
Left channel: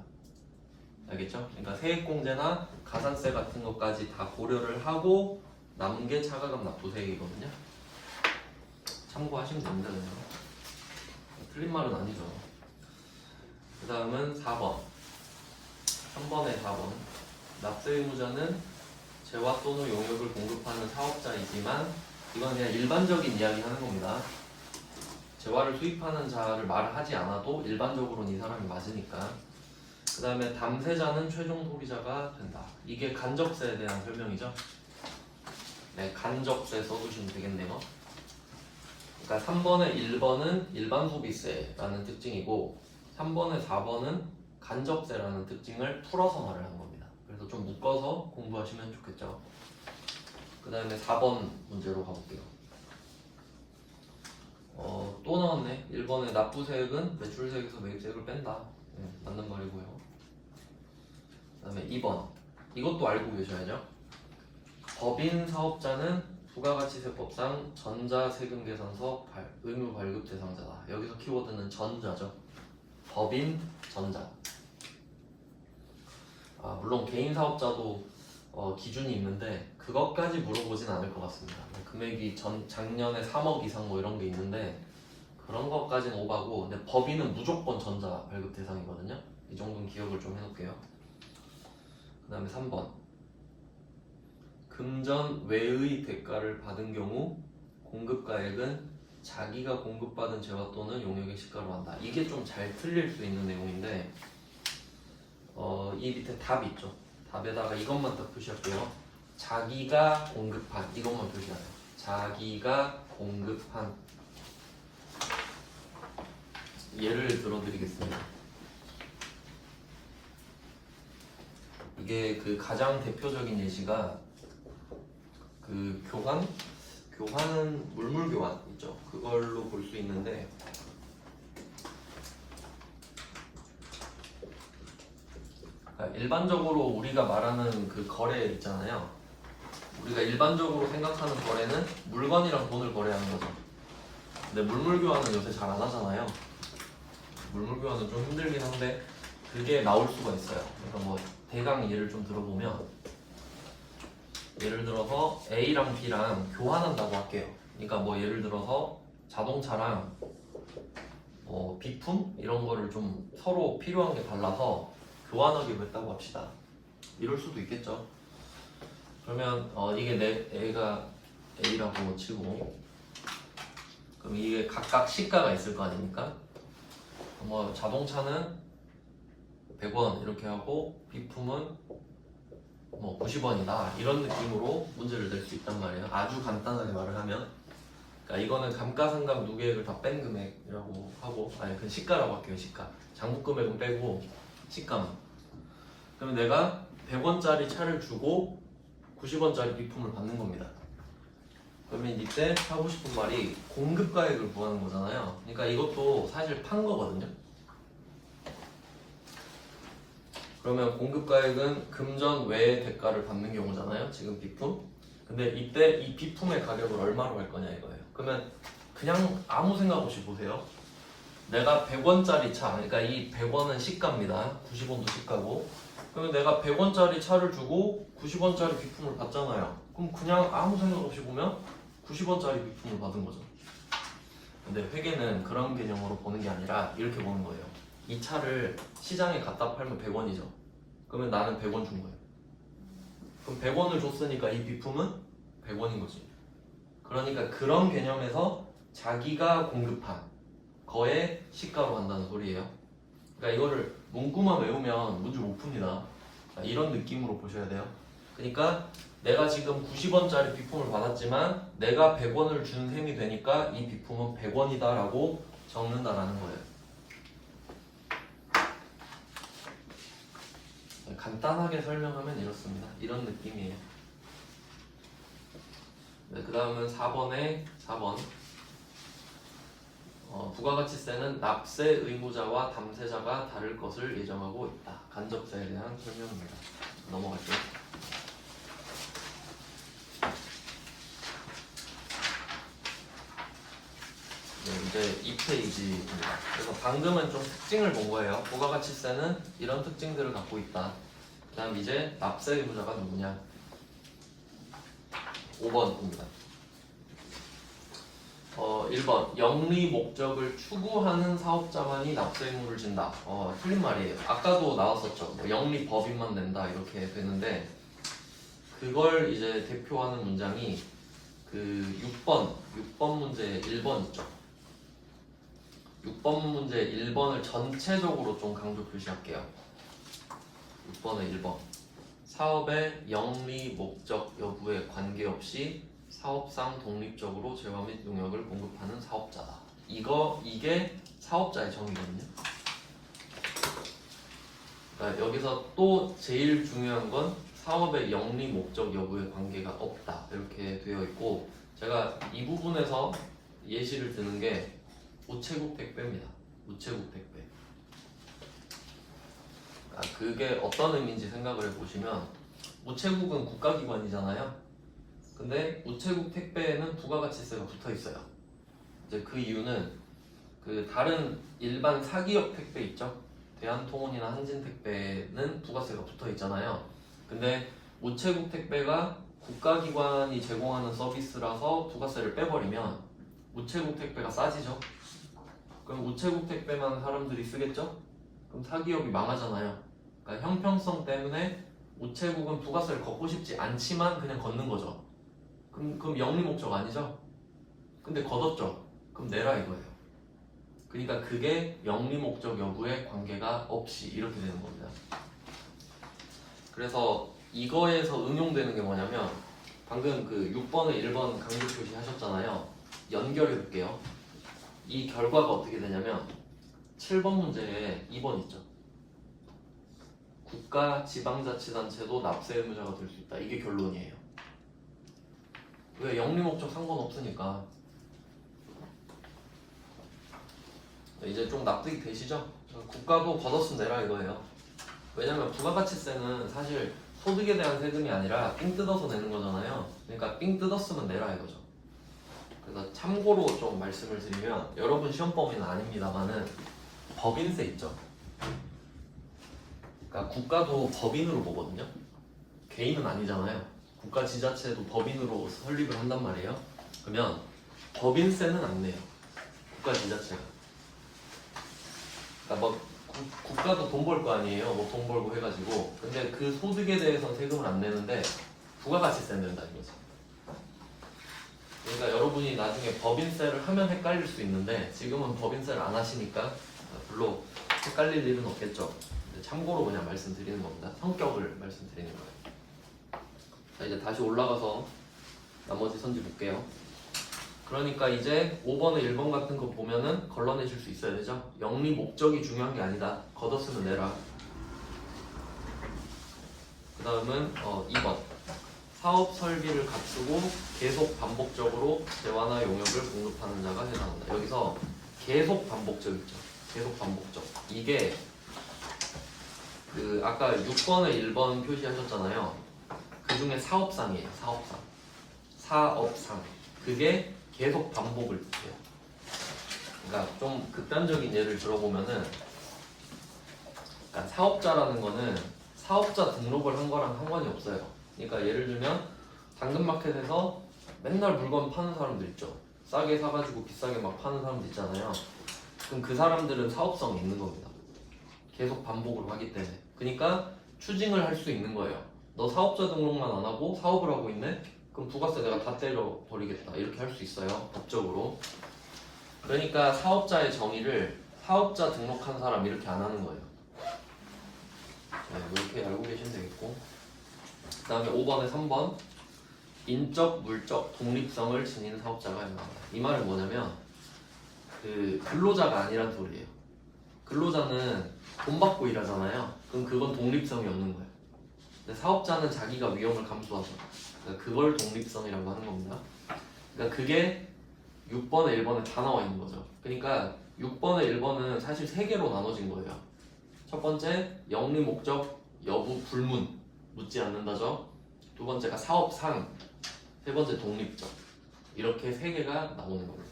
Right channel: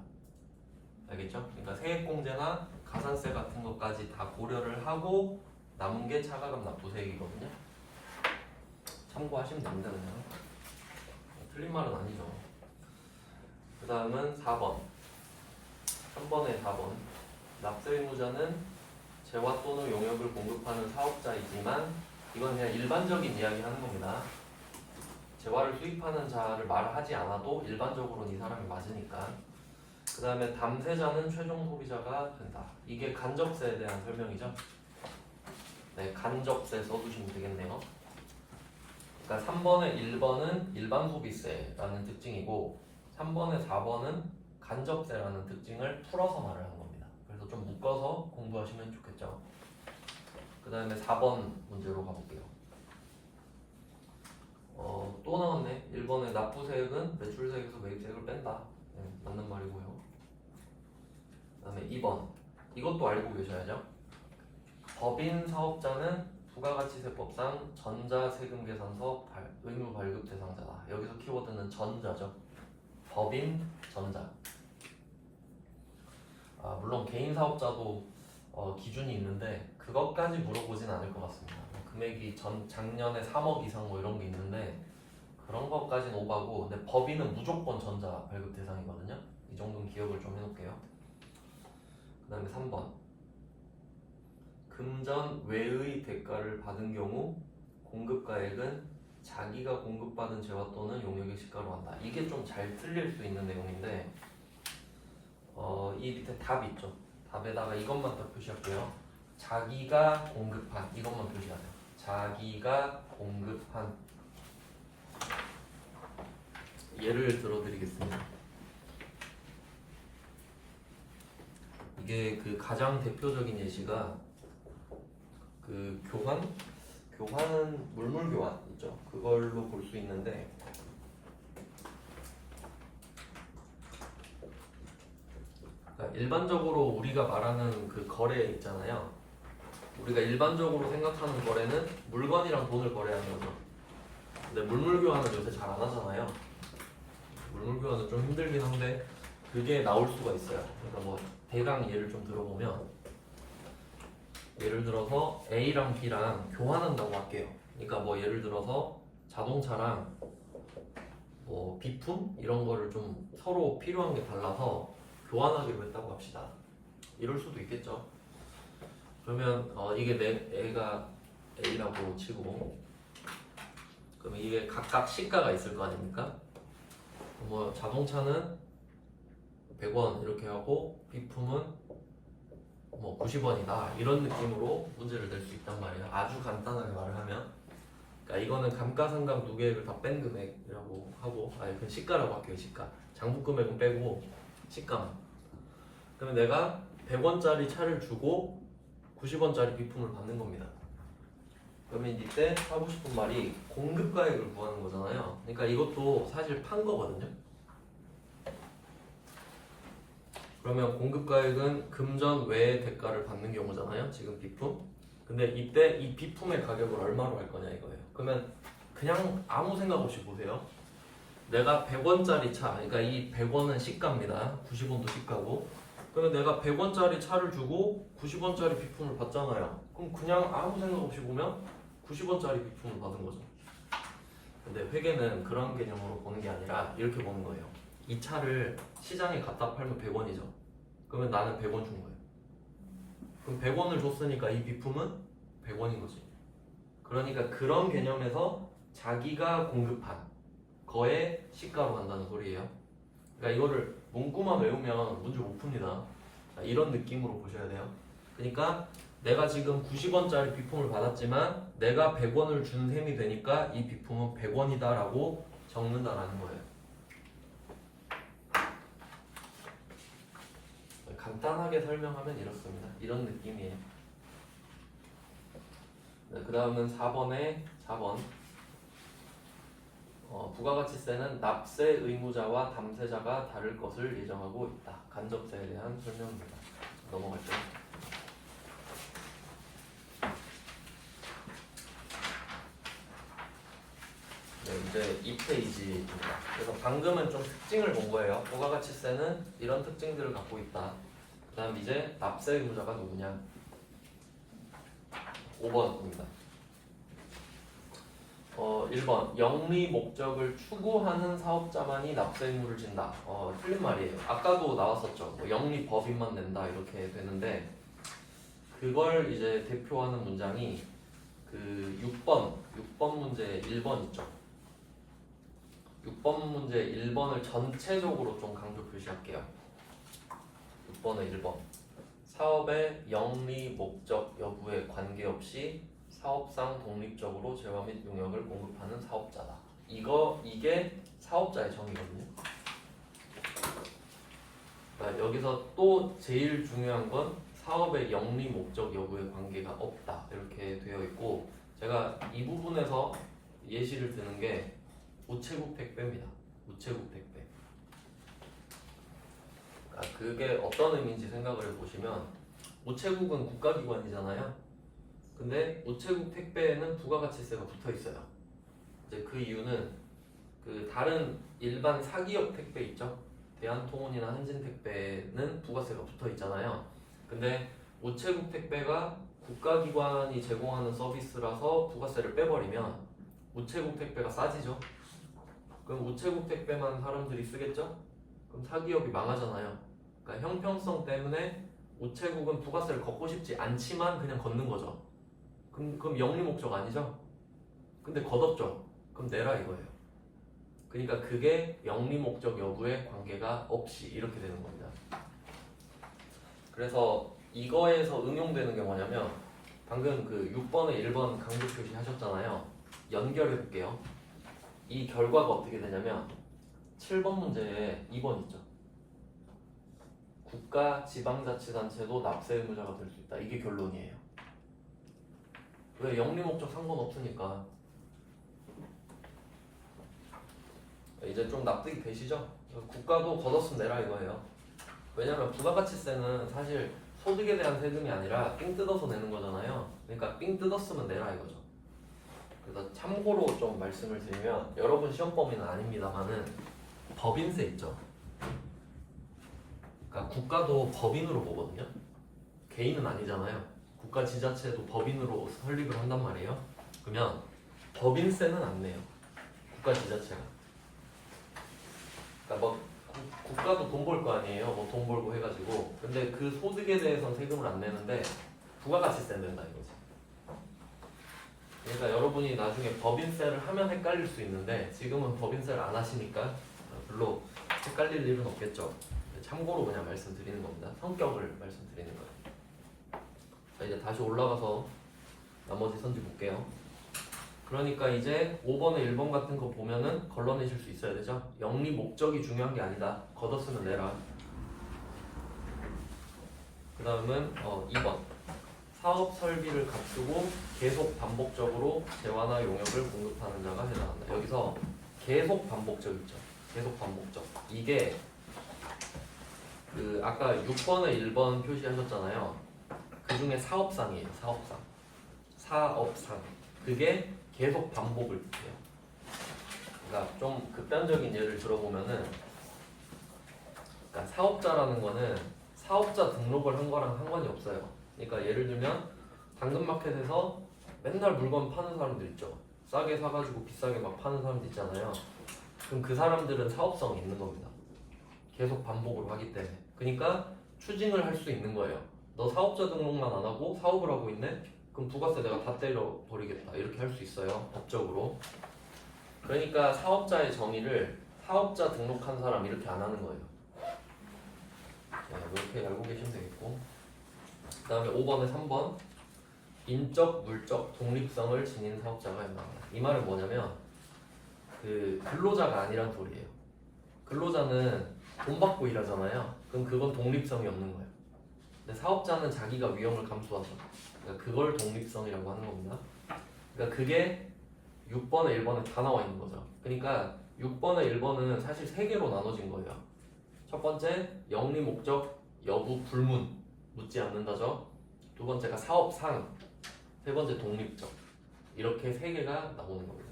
알겠죠? 그러니까 세액공제나 가산세 같은 것까지 다 고려를 하고 남은 게 차가금 납부세액이거든요. 참고하시면 됩니다. 그냥. 틀린 말은 아니죠. 그 다음은 4번. 3번에 4번. 납세의무자는 재화 또는 용역을 공급하는 사업자이지만 이건 그냥 일반적인 이야기 하는 겁니다. 재화를 수입하는 자를 말을 하지 않아도 일반적으로는 이 사람이 맞으니까. 그 다음에 담세자는 최종 소비자가 된다. 이게 간접세에 대한 설명이죠. 네, 간접세 써두시면 되겠네요. 그러니까 3번에 1번은 일반 소비세라는 특징이고 3번에 4번은 간접세라는 특징을 풀어서 말을 하는 겁니다. 그래서 좀 묶어서 공부하시면 좋겠죠. 그 다음에 4번 문제로 가볼게요. 또 나왔네. 1번에 납부세액은 매출세액에서 매입세액을 뺀다. 네, 맞는 말이고요. 그 다음에 2번. 이것도 알고 계셔야죠. 법인 사업자는 부가가치세법상 전자세금계산서 의무 발급 대상자다. 여기서 키워드는 전자죠. 법인 전자. 물론 개인 사업자도 기준이 있는데 그것까지 물어보진 않을 것 같습니다. 금액이 작년에 3억 이상 뭐 이런 게 있는데 그런 것까지는 오바고, 근데 법인은 무조건 전자 발급 대상이거든요. 이 정도는 기억을 좀 해놓을게요. 그 다음에 3번. 금전 외의 대가를 받은 경우 공급가액은 자기가 공급받은 재화 또는 용역의 시가로 한다. 이게 좀 잘 틀릴 수 있는 내용인데 이 밑에 답 있죠. 답에다가 이것만 딱 표시할게요. 자기가 공급한 이것만 표시하세요. 자기가 공급한. 예를 들어드리겠습니다. 이게 그 가장 대표적인 예시가 그 교환은 물물 교환 있죠. 그걸로 볼 수 있는데 일반적으로 우리가 말하는 그 거래 있잖아요. 우리가 일반적으로 생각하는 거래는 물건이랑 돈을 거래하는 거죠. 근데 물물 교환은 요새 잘 안 하잖아요. 물물 교환은 좀 힘들긴 한데 그게 나올 수가 있어요. 그러니까 뭐 대강 예를 좀 들어보면 예를 들어서 A랑 B랑 교환한다고 할게요. 그러니까 뭐 예를 들어서 자동차랑 뭐 비품 이런 거를 좀 서로 필요한 게 달라서 교환하기로 했다고 합시다. 이럴 수도 있겠죠. 그러면 이게 A가 A라고 치고 그럼 이게 각각 시가가 있을 거 아닙니까? 뭐 자동차는 100원 이렇게 하고 비품은 뭐 90원이다 이런 느낌으로 문제를 낼 수 있단 말이에요. 아주 간단하게 말을 하면, 그러니까 이거는 감가상각 누계액을 다 뺀 금액이라고 하고, 아니 그 시가라고 할게요. 시가. 장부 금액은 빼고 시가. 그러면 내가 100원짜리 차를 주고 90원짜리 비품을 받는 겁니다. 그러면 이때 하고 싶은 말이 공급가액을 구하는 거잖아요. 그러니까 이것도 사실 판 거거든요. 그러면 공급가액은 금전 외의 대가를 받는 경우잖아요. 지금 비품. 근데 이때 이 비품의 가격을 얼마로 할 거냐 이거예요. 그러면 그냥 아무 생각 없이 보세요. 내가 100원짜리 차, 그러니까 이 100원은 시가입니다. 90원도 시가고. 그러면 내가 100원짜리 차를 주고 90원짜리 비품을 받잖아요. 그럼 그냥 아무 생각 없이 보면 90원짜리 비품을 받은 거죠. 근데 회계는 그런 개념으로 보는 게 아니라 이렇게 보는 거예요. 이 차를 시장에 갖다 팔면 100원이죠. 그러면 나는 100원 준 거예요. 그럼 100원을 줬으니까 이 비품은 100원인 거지. 그러니까 그런 개념에서 자기가 공급한 거에 시가로 한다는 소리예요. 그러니까 이거를 문구만 외우면 문제 못 풉니다. 이런 느낌으로 보셔야 돼요. 그러니까 내가 지금 90원짜리 비품을 받았지만 내가 100원을 준 셈이 되니까 이 비품은 100원이다 라고 적는다라는 거예요. 간단하게 설명하면 이렇습니다. 이런 느낌이에요. 네, 그 다음은 4번 부가가치세는 납세 의무자와 담세자가 다를 것을 예정하고 있다. 간접세에 대한 설명입니다. 넘어갈게요. 네, 이제 2페이지입니다. 그래서 방금은 좀 특징을 본 거예요. 부가가치세는 이런 특징들을 갖고 있다. 그 다음 이제 납세 의무자가 누구냐? 5번입니다. 1번 영리 목적을 추구하는 사업자만이 납세 의무를 진다. 틀린 말이에요. 아까도 나왔었죠. 영리 법인만 낸다 이렇게 되는데 그걸 이제 대표하는 문장이 그 6번 문제 1번 있죠. 6번 문제 1번을 전체적으로 좀 강조 표시할게요. 6번은 1번. 사업의 영리 목적 여부에 관계없이 사업상 독립적으로 재화 및 용역을 공급하는 사업자다. 이게 사업자의 정의거든요. 그러니까 여기서 또 제일 중요한 건 사업의 영리 목적 여부에 관계가 없다 이렇게 되어 있고, 제가 이 부분에서 예시를 드는 게 우체국 택배입니다. 우체국 택배. 그게 어떤 의미인지 생각을 해보시면, 우체국은 국가기관이잖아요. 근데 우체국 택배에는 부가가치세가 붙어 있어요. 이제 그 이유는 그 다른 일반 사기업 택배 있죠. 대한통운이나 한진택배는 부가세가 붙어 있잖아요. 근데 우체국 택배가 국가기관이 제공하는 서비스라서 부가세를 빼버리면 우체국 택배가 싸지죠. 그럼 우체국 택배만 사람들이 쓰겠죠? 그럼 사기업이 망하잖아요. 그러니까 형평성 때문에 우체국은 부가세를 걷고 싶지 않지만 그냥 걷는 거죠. 그럼 영리 목적 아니죠? 근데 걷었죠. 그럼 내라 이거예요. 그러니까 그게 영리 목적 여부에 관계가 없이 이렇게 되는 겁니다. 그래서 이거에서 응용되는 게 뭐냐면, 방금 그 6번에 1번 강조 표시 하셨잖아요. 연결해 볼게요. 이 결과가 어떻게 되냐면 7번 문제에 2번 있죠. 국가 지방자치단체도 납세 의무자가 될 수 있다. 이게 결론이에요. 왜? 영리 목적 상관없으니까. 이제 좀 납득이 되시죠? 국가도 걷었으면 내라 이거예요. 왜냐면 부가가치세는 사실 소득에 대한 세금이 아니라 삥 뜯어서 내는 거잖아요. 그러니까 삥 뜯었으면 내라 이거죠. 그래서 참고로 좀 말씀을 드리면, 여러분 시험 범위는 아닙니다만은 법인세 있죠. 그러니까 국가도 법인으로 보거든요. 개인은 아니잖아요. 국가 지자체도 법인으로 설립을 한단 말이에요. 그러면 법인세는 안 내요. 국가 지자체가. 그러니까 막 국가도 돈 벌 거 아니에요. 뭐 돈 벌고 해가지고. 근데 그 소득에 대해서는 세금을 안 내는데 부가가치세 낸다는 거죠. 그러니까 여러분이 나중에 법인세를 하면 헷갈릴 수 있는데, 지금은 법인세를 안 하시니까 별로 헷갈릴 일은 없겠죠. 참고로 그냥 말씀드리는 겁니다. 성격을 말씀드리는 거예요. 자, 이제 다시 올라가서 나머지 선지 볼게요. 그러니까 이제 5번에 1번 같은 거 보면은 걸러내실 수 있어야 되죠. 영리 목적이 중요한 게 아니다. 걷었으면 내라. 그 다음은 2번. 사업 설비를 갖추고 계속 반복적으로 재화나 용역을 공급하는 자가 해당한다. 여기서 계속 반복적 있죠. 계속 반복적. 이게 그 아까 6번을 1번 표시하셨잖아요. 그 중에 사업상이에요. 사업상. 그게 계속 반복을 해요. 그러니까 좀 극단적인 예를 들어보면은, 그러니까 사업자라는 거는 사업자 등록을 한 거랑 상관이 없어요. 그러니까 예를 들면 당근마켓에서 맨날 물건 파는 사람들 있죠. 싸게 사가지고 비싸게 막 파는 사람들 있잖아요. 그럼 그 사람들은 사업성이 있는 겁니다. 계속 반복을 하기 때문에. 그러니까 추징을 할 수 있는 거예요. 너 사업자 등록만 안 하고 사업을 하고 있네? 그럼 부가세 내가 다 때려버리겠다. 이렇게 할 수 있어요. 법적으로. 그러니까 사업자의 정의를 사업자 등록한 사람 이렇게 안 하는 거예요. 네, 뭐 이렇게 알고 계시면 되겠고. 그 다음에 5번에 3번. 인적, 물적, 독립성을 지닌 사업자가 있다. 이 말은 뭐냐면 그 근로자가 아니란 소리예요. 근로자는 돈 받고 일하잖아요. 그럼 그건 독립성이 없는 거예요. 근데 사업자는 자기가 위험을 감수하죠. 그러니까 그걸 독립성이라고 하는 겁니다. 그러니까 그게 6번에 1번에 다 나와 있는 거죠. 그러니까 6번에 1번은 사실 3개로 나눠진 거예요. 첫 번째 영리 목적 여부 불문 묻지 않는다죠. 두 번째가 사업상, 세 번째 독립적. 이렇게 3개가 나오는 거예요.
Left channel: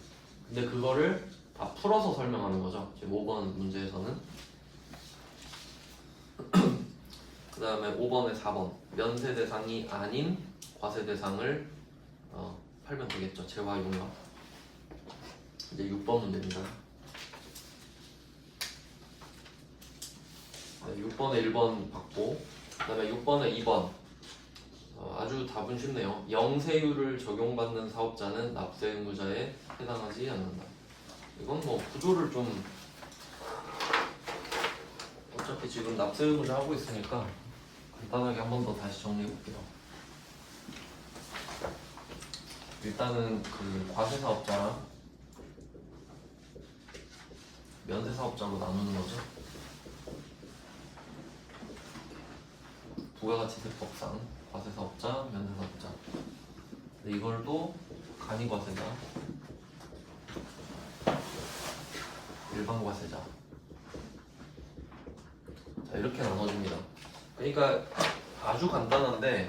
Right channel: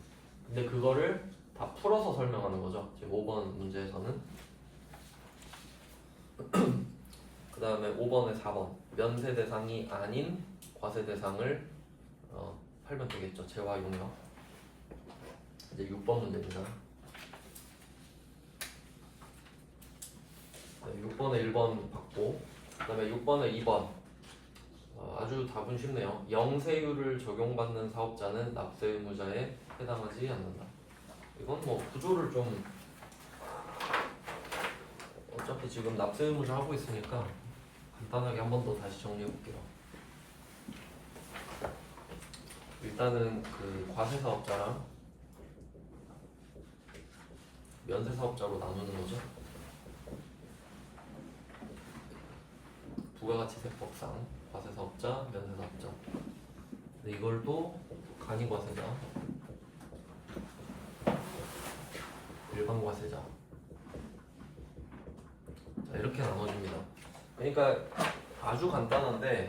근데 그거를 다 풀어서 설명하는 거죠. 제 5번 문제에서는. 그 다음에 5번에 4번 면세 대상이 아닌 과세 대상을 팔면 되겠죠. 재화 용역. 이제 6번 문제입니다. 네, 6번에 1번 받고 그 다음에 6번에 2번 아주 답은 쉽네요. 영세율을 적용받는 사업자는 납세 의무자에 해당하지 않는다. 이건 뭐 구조를 좀 어차피 지금 납세 의무자 하고 있으니까 간단하게 한 번 더 다시 정리해 볼게요. 일단은 그 과세 사업자랑 면세 사업자로 나누는 거죠. 부가가치세법상 과세 사업자, 면세 사업자. 근데 이걸 또 간이과세자, 일반과세자. 자, 이렇게 나눠줍니다. 그러니까 아주 간단한데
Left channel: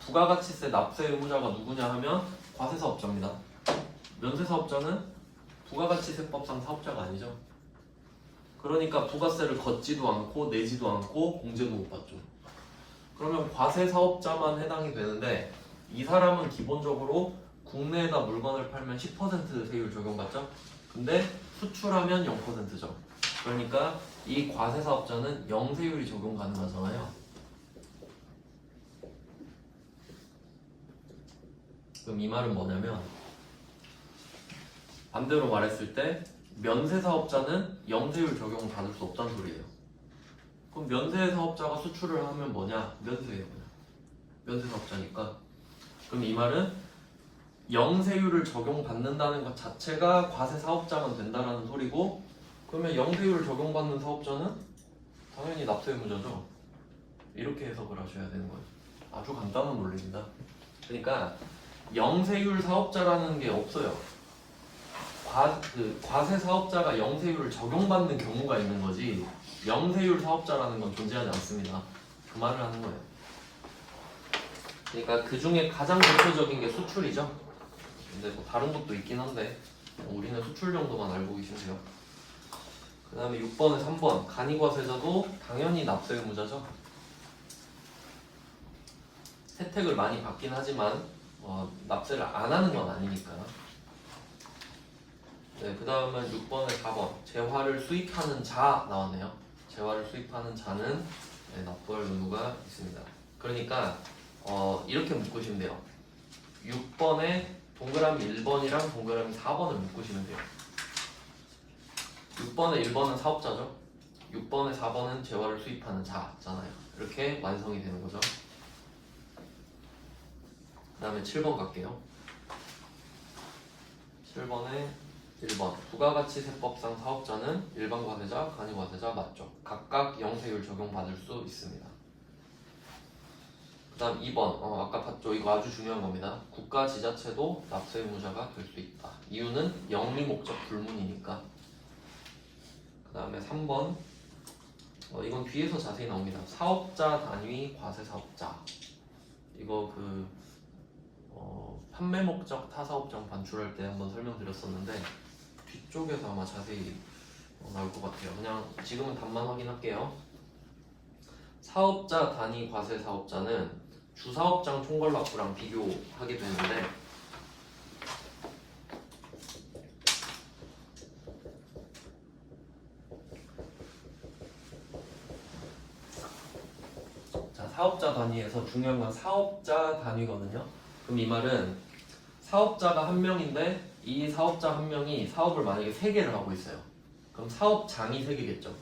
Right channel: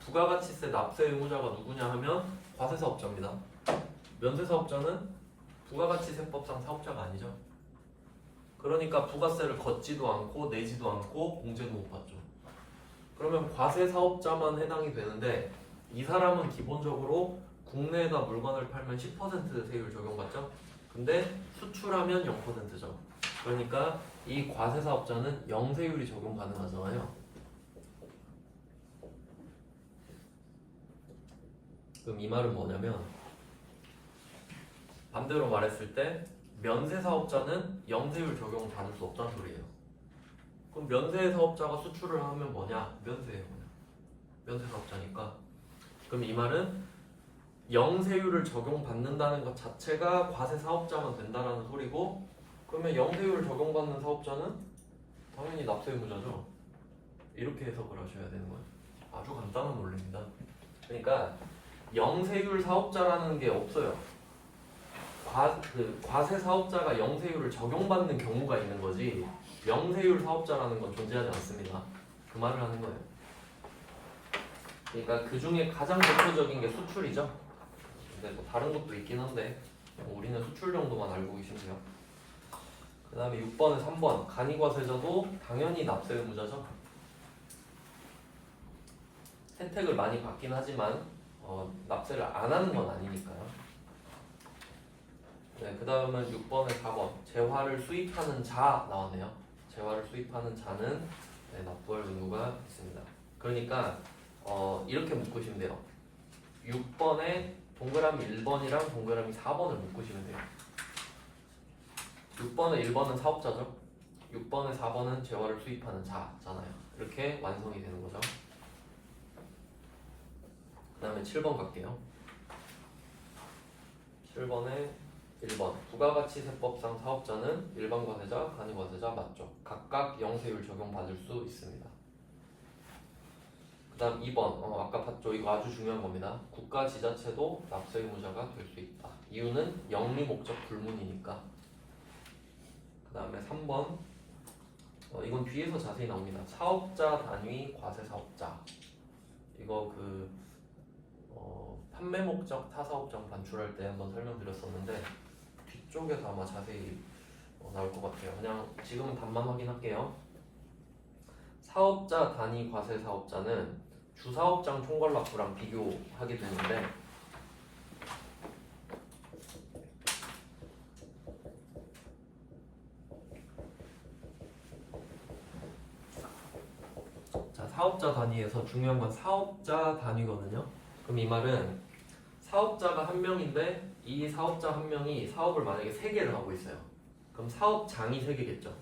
부가가치세 납세 의무자가 누구냐 하면 과세 사업자입니다. 면세 사업자는 부가가치세법상 사업자가 아니죠. 그러니까 부가세를 걷지도 않고 내지도 않고 공제도 못 받죠. 그러면 과세 사업자만 해당이 되는데 이 사람은 기본적으로 국내에다 물건을 팔면 10% 세율 적용받죠. 근데 수출하면 0%죠. 그러니까 이 과세 사업자는 0세율이 적용 가능하잖아요. 그럼 이 말은 뭐냐면 반대로 말했을 때 면세 사업자는 0세율 적용 받을 수 없다는 소리예요. 그럼 면세 사업자가 수출을 하면 뭐냐? 면세예요. 면세 사업자니까. 그럼 이 말은 0세율을 적용받는다는 것 자체가 과세 사업자만 된다라는 소리고, 그러면 0세율을 적용받는 사업자는 당연히 납세 의무자죠. 이렇게 해석을 하셔야 되는 거예요. 아주 간단한 논리입니다. 그러니까 0세율 사업자라는 게 없어요. 과세 사업자가 0세율을 적용받는 경우가 있는 거지 0세율 사업자라는 건 존재하지 않습니다. 그 말을 하는 거예요. 그러니까 그 중에 가장 대표적인 게 수출이죠. 근데 뭐 다른 것도 있긴 한데 우리는 수출 정도만 알고 계시세요. 그 다음에 6번에 3번 간이과세자도 당연히 납세 의무자죠. 혜택을 많이 받긴 하지만 납세를 안 하는 건 아니니까. 네, 그 다음은 6번에 4번 재화를 수입하는 자 나오네요. 재화를 수입하는 자는 네, 납부할 의무가 있습니다. 그러니까 이렇게 묶으시면 돼요. 6번에 동그라미 1번이랑 동그라미 4번을 묶으시면 돼요. 6번에 1번은 사업자죠. 6번에 4번은 재화를 수입하는 자잖아요. 이렇게 완성이 되는 거죠. 그 다음에 7번 갈게요. 7번에 1번 부가가치세법상 사업자는 일반과세자, 간이과세자 맞죠? 각각 0세율 적용받을 수 있습니다. 그 다음 2번 아까 봤죠? 이거 아주 중요한 겁니다. 국가 지자체도 납세 의무자가 될 수 있다. 이유는 영리 목적 불문이니까. 그 다음에 3번 이건 뒤에서 자세히 나옵니다. 사업자 단위 과세 사업자. 이거 판매 목적 타사업장 반출할 때 한번 설명드렸었는데 뒤쪽에서 아마 자세히 나올 것 같아요. 그냥 지금은 답만 확인할게요. 사업자 단위 과세 사업자는 주사업장 총괄납부랑 비교하게 되는데 자, 사업자 단위에서 중요한 건 사업자 단위거든요. 그럼 이 말은 사업자가 한 명인데 이 사업자 한 명이 사업을 만약에 3개를 하고 있어요. 그럼 사업장이 3개겠죠.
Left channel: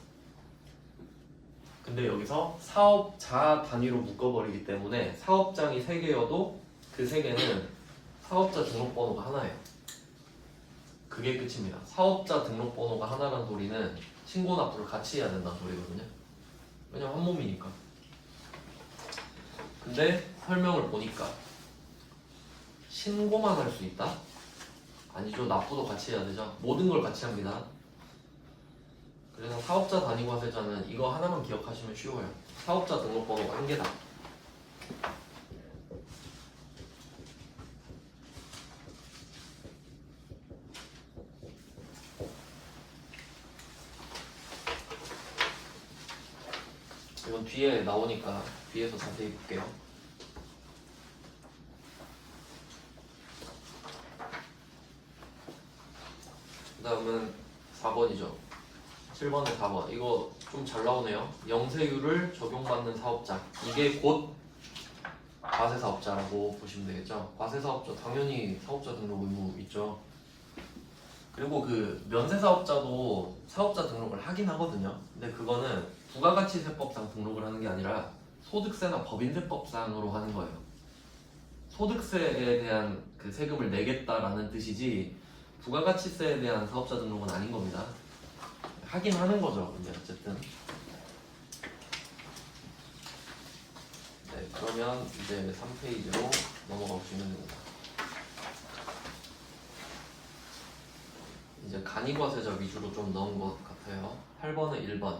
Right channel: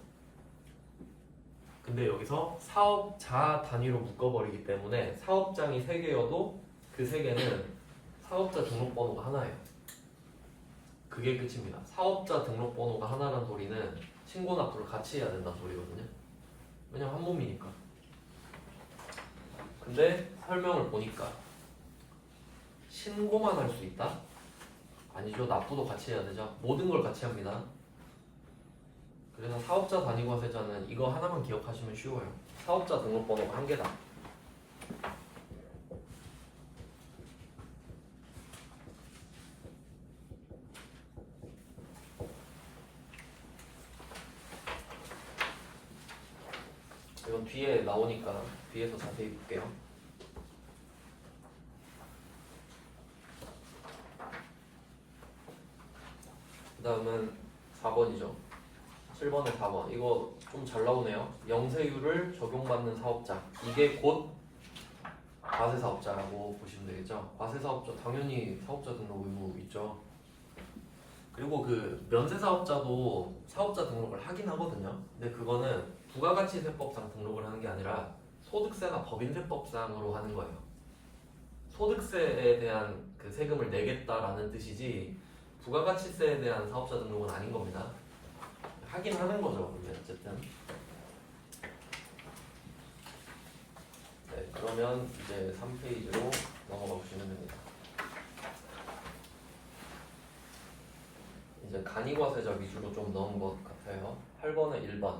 근데 여기서 사업자 단위로 묶어버리기 때문에 사업장이 3개여도 그 3개는 사업자 등록번호가 하나예요. 그게 끝입니다. 사업자 등록번호가 하나라는 소리는 신고 납부를 같이 해야 된다는 소리거든요. 왜냐면 한 몸이니까. 근데 설명을 보니까 신고만 할 수 있다? 아니죠. 납부도 같이 해야 되죠. 모든 걸 같이 합니다. 그래서 사업자 단위과세자는 이거 하나만 기억하시면 쉬워요. 사업자 등록번호가 한 개다. 이건 뒤에 나오니까 뒤에서 자세히 볼게요. 그 다음은 4번이죠. 7번에 4번. 이거 좀 잘 나오네요. 영세율을 적용받는 사업자. 이게 곧 과세사업자라고 보시면 되겠죠. 과세사업자 당연히 사업자 등록 의무 있죠. 그리고 그 면세사업자도 사업자 등록을 하긴 하거든요. 근데 그거는 부가가치세법상 등록을 하는 게 아니라 소득세나 법인세법상으로 하는 거예요. 소득세에 대한 그 세금을 내겠다라는 뜻이지 부가가치세에 대한 사업자 등록은 아닌 겁니다. 하긴 하는 거죠. 근데 어쨌든 네, 그러면 이제 3페이지로 넘어가 보시면 됩니다. 이제 간이과세자 위주로 좀 넣은 것 같아요. 8번에 1번.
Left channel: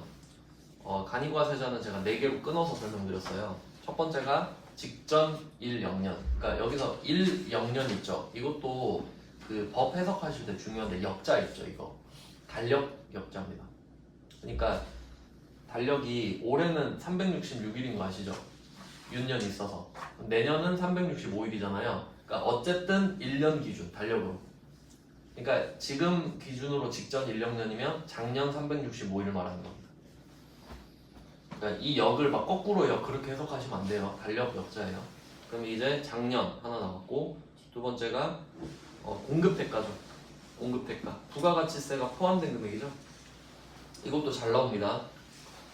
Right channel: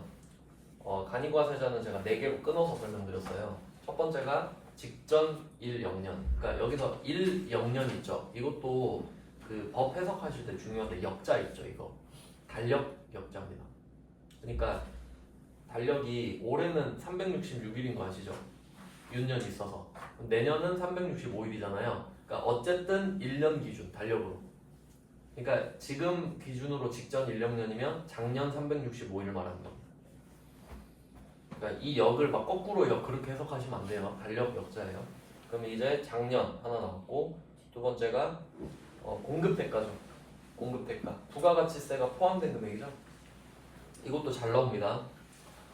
간이과세자는 제가 4개로 끊어서 설명드렸어요. 첫 번째가 직전 1영년. 그러니까 여기서 1영년 있죠. 이것도 그 법 해석하실 때 중요한데 역자 있죠. 이거 달력 역자입니다. 그러니까 달력이 올해는 366일인 거 아시죠? 윤년이 있어서 내년은 365일이잖아요. 그러니까 어쨌든 1년 기준 달력으로. 그러니까 지금 기준으로 직전 1년이면 작년 365일을 말하는 겁니다. 그러니까 이 역을 막 거꾸로 역 그렇게 해석하시면 안 돼요. 달력 역자예요. 그럼 이제 작년 하나 나왔고 두 번째가 공급대가죠. 공급대가 부가가치세가 포함된 금액이죠. 이것도 잘 나옵니다.